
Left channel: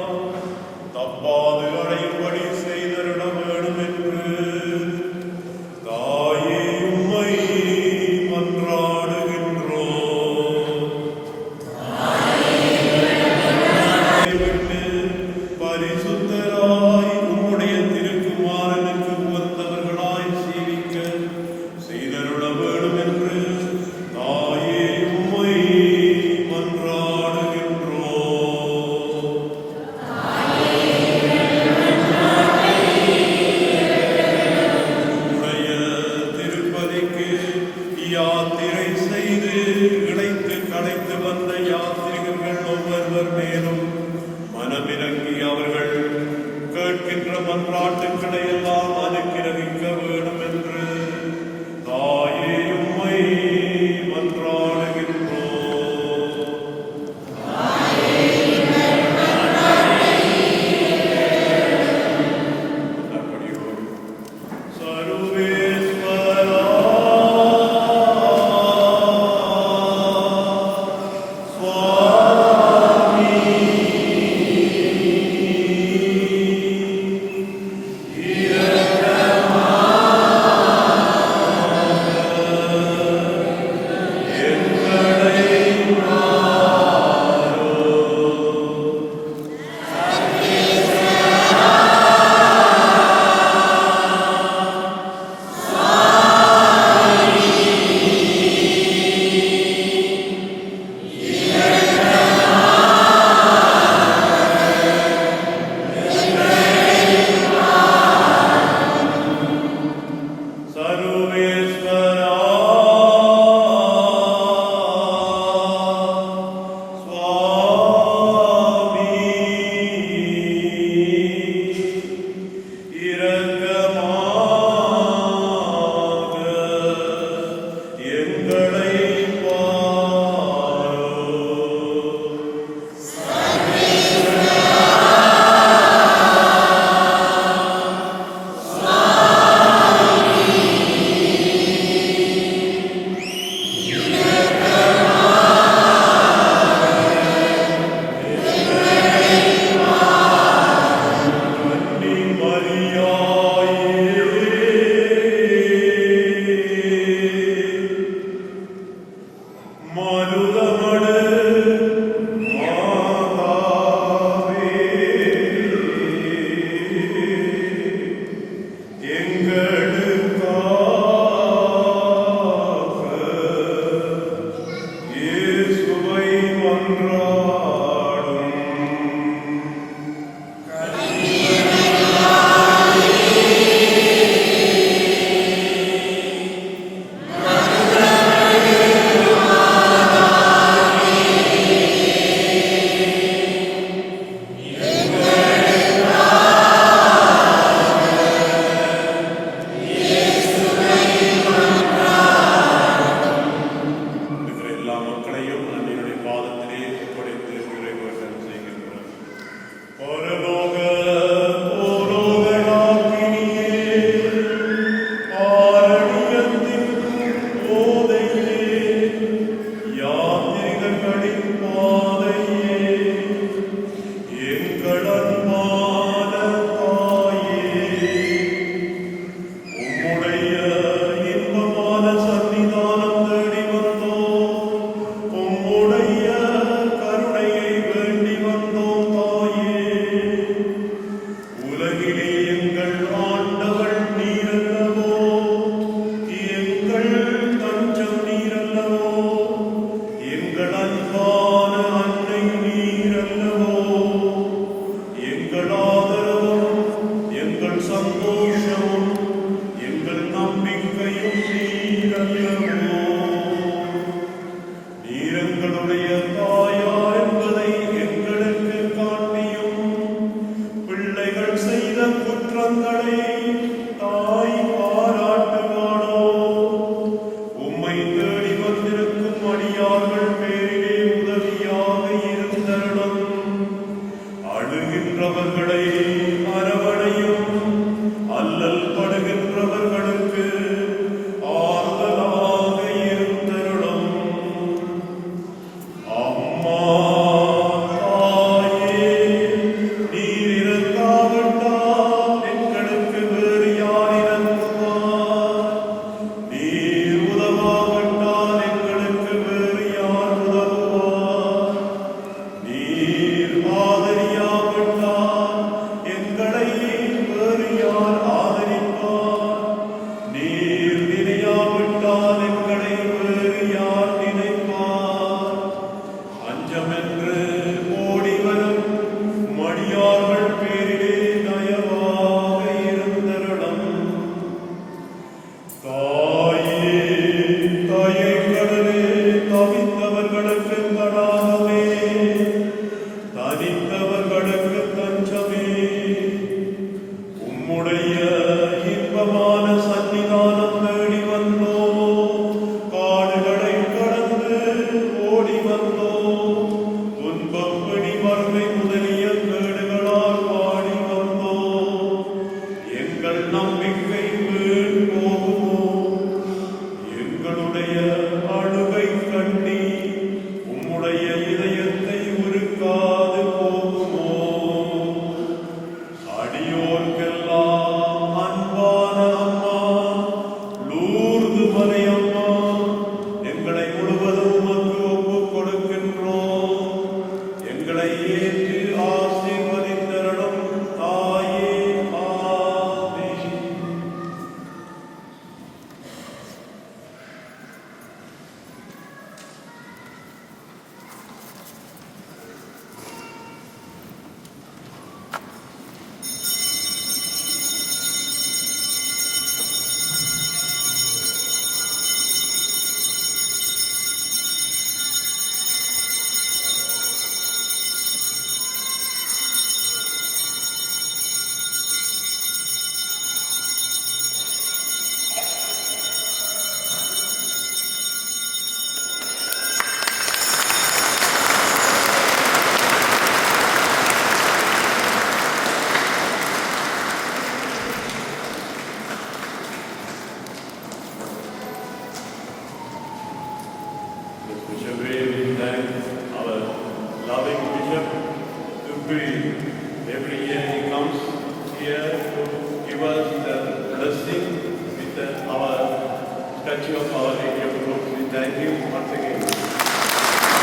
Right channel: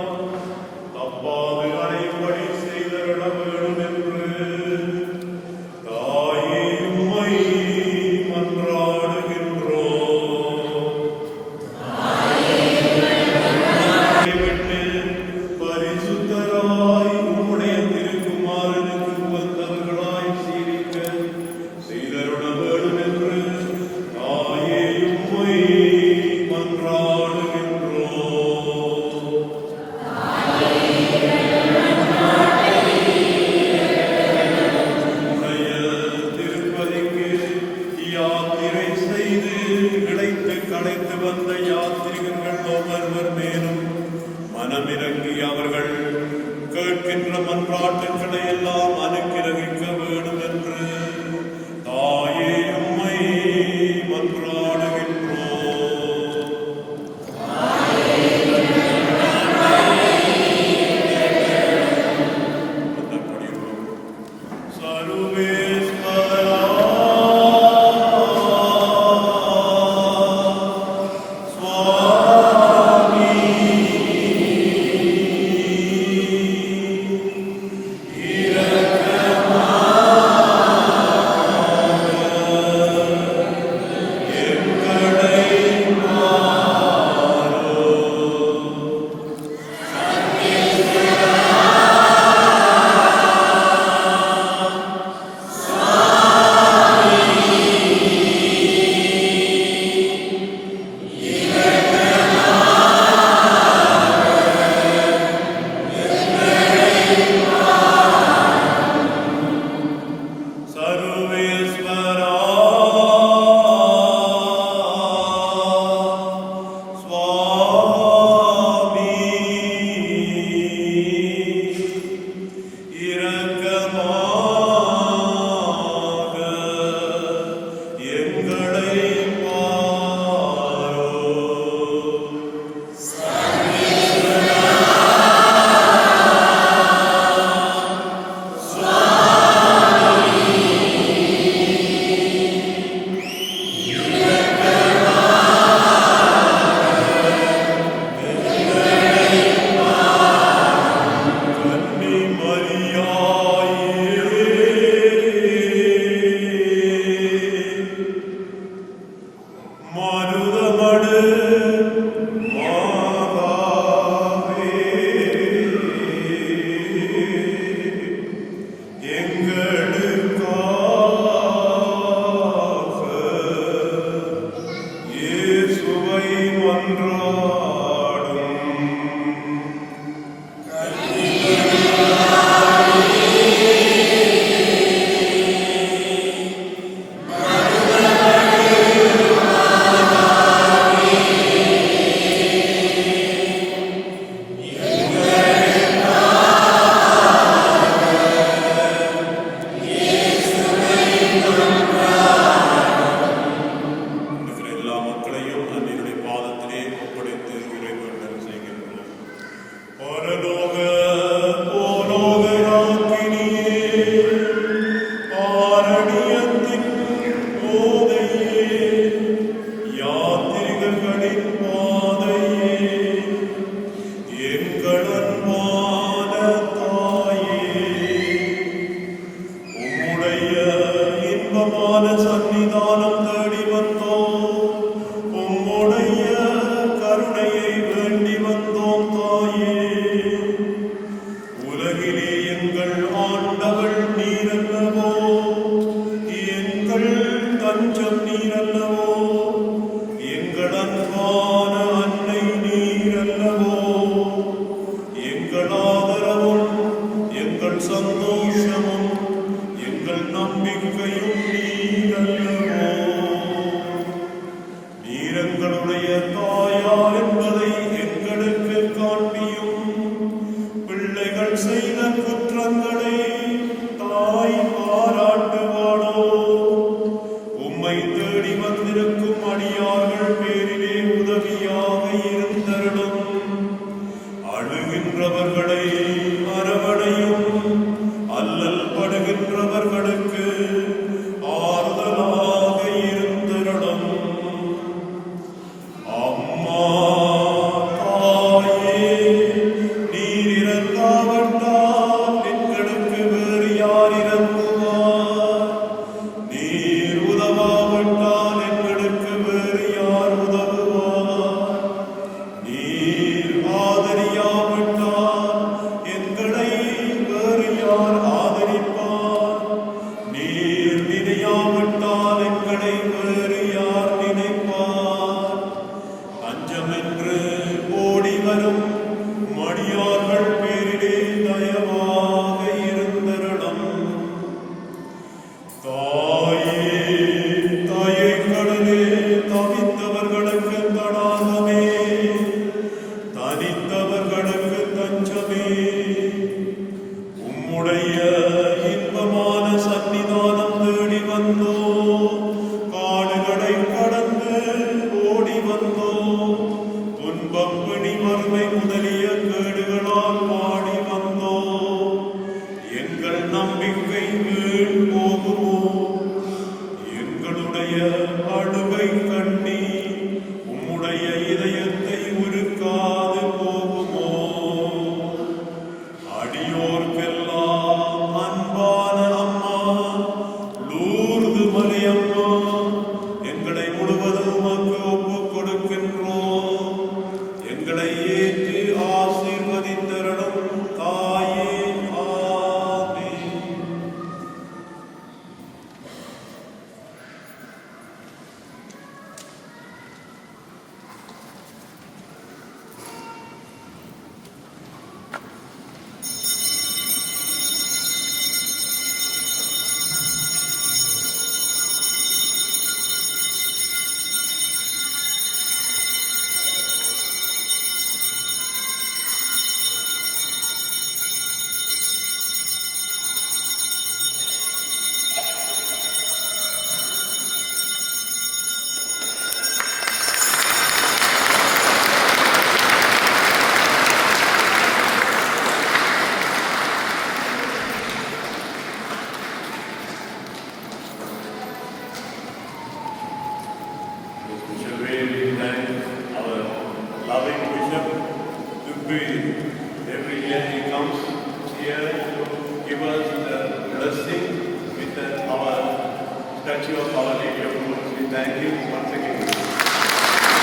Every year he comes here to give us the blessing with our statue of our Lady of Lourdes. We thank him once again.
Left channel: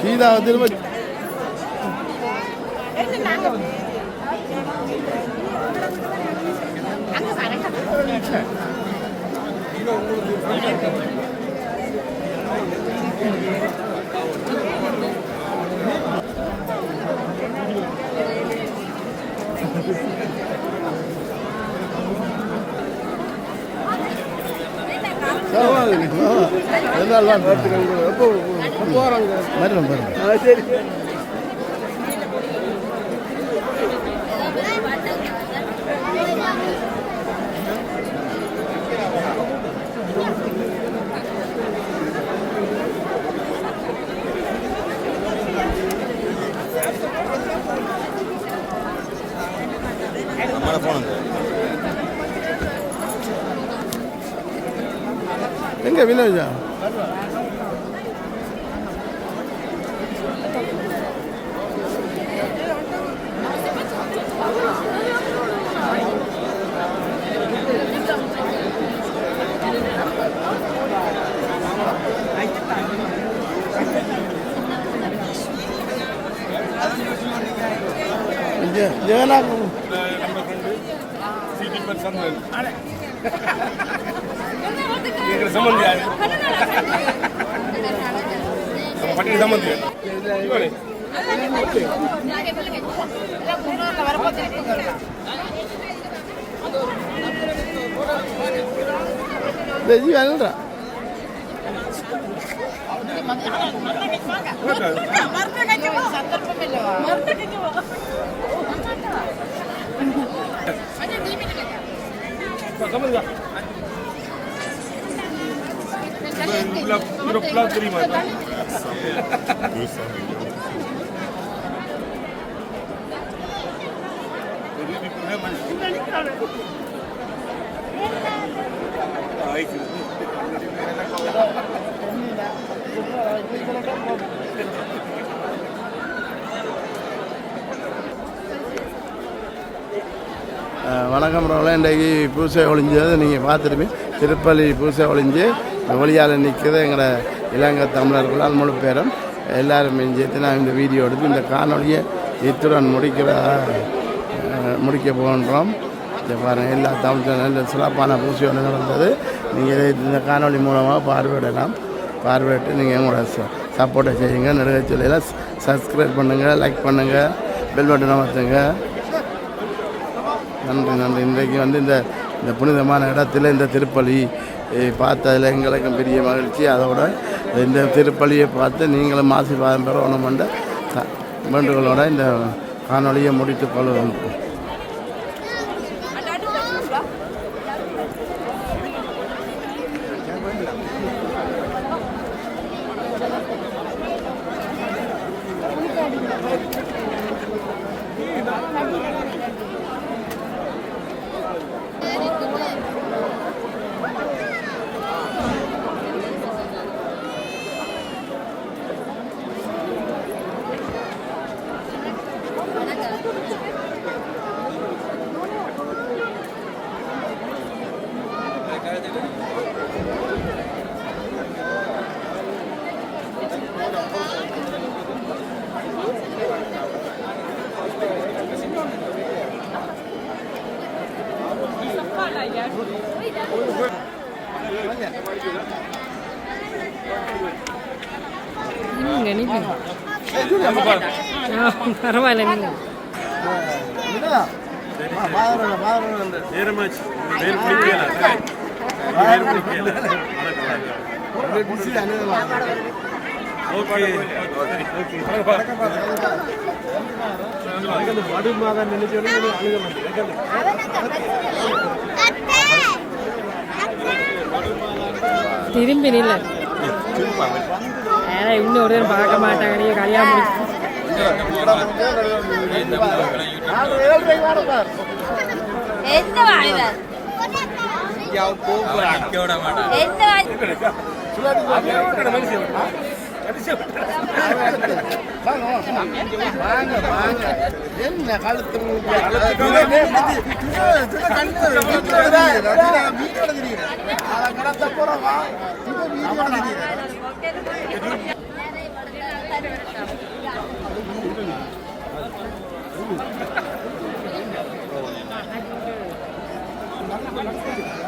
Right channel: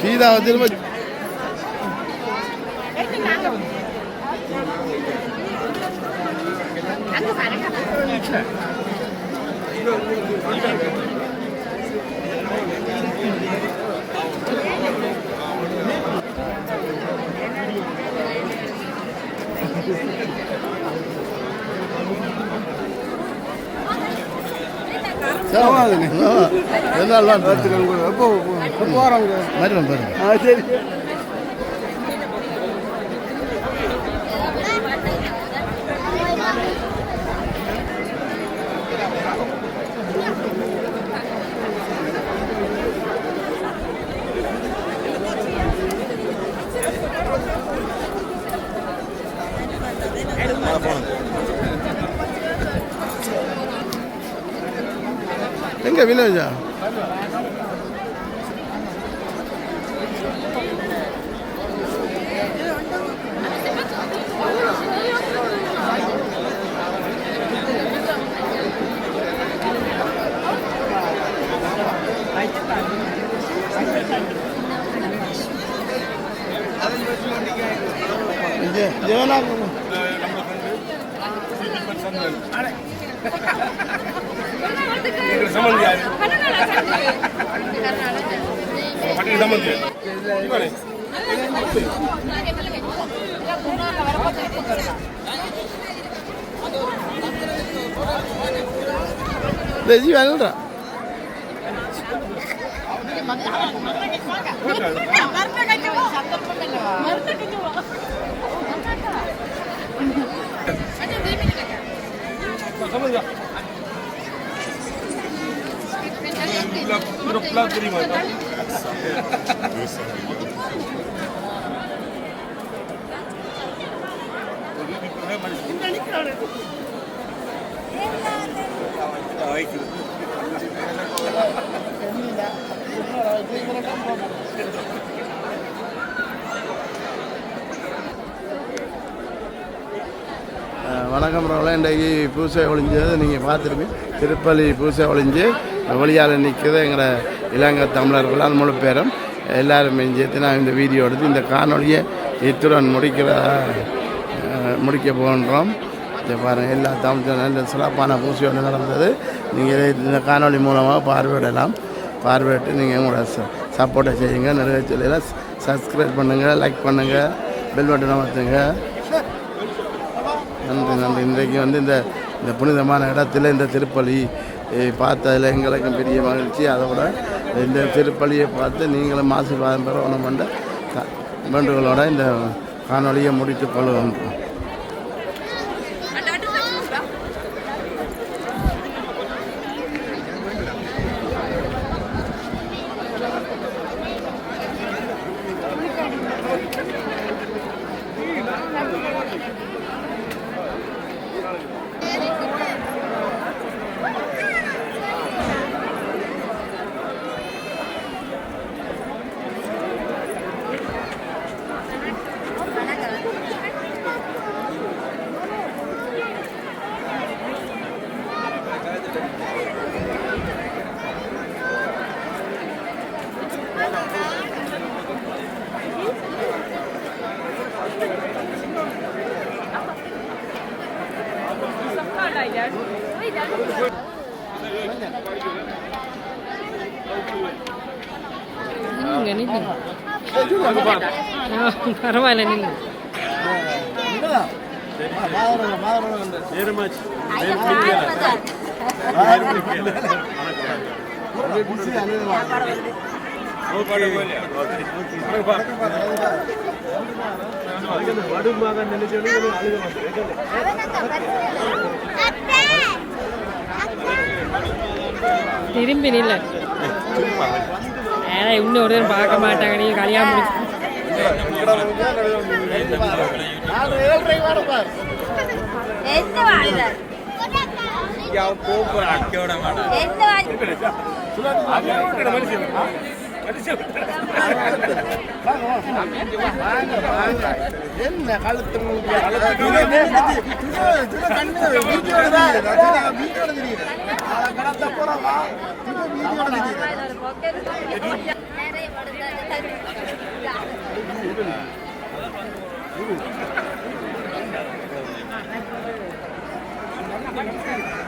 Geetha திரும்ப எல்லாம் வருவோம் பாருங்க. சரி எங்க வில்லேஜா? ஜெகநாதம் நம்ம ஃப்ரெண்டு Deji வேணும்டா தெரியுமா வணக்கம் ரோல இன்றைக்கு பூசை ஒழிஞ்சது நீங்கள் பார்த்துருப்பீங்க. திருப்பள்ளி பூசை ஒழிஞ்சு வெளியால் நிற்கிறது எங்களோட இலங்கை தமிழர்களால் முழு பேரும் எல்லாரும் சேர்த்து நான் இந்த வீடியோ எடுத்து இந்த காணொலியை இத்துடன் முடிக்க போகின்றோம். இதை பாருங்கள், எல்லா தமிழ் நல்ல சிறப்பான பூசை ஒன்று நடந்தது. நீங்கள் இந்த காணொலி மூலமாக பார்வையிடலாம். பார்வையிட்டு நீங்கள் உங்களோட சப்போர்ட்டை செய்யுங்க. நிறைய சொல்லியெல்லாம் சப்ஸ்கிரைப் பண்ணுங்கள், லைக் பண்ணுங்கள், பெல் பட்டன் அமர்த்துங்க. நன்றி நன்றி. இன்றைக்கு வந்து இந்த புனிதமான இடத்துல இந்த திருப்பலி பார்த்ததில் எங்களுக்கும் பெரிய மகிழ்ச்சி. அதோட இந்த திருப்பலியை பார்த்து நீங்களும் ஆசீர்வாதம் பெறணும் என்ற வேண்டுகளோட இந்த காணொலியை முடித்துக் கொள்ளுவோம். பரவாயில்ல நின்று திரும்பி நில்ல. இன்னும் ஒரு நேரம் பார்க்க மாட்டாங்க. நீ கல்யாணம் முடிச்சு என்ன காலத்து போறவா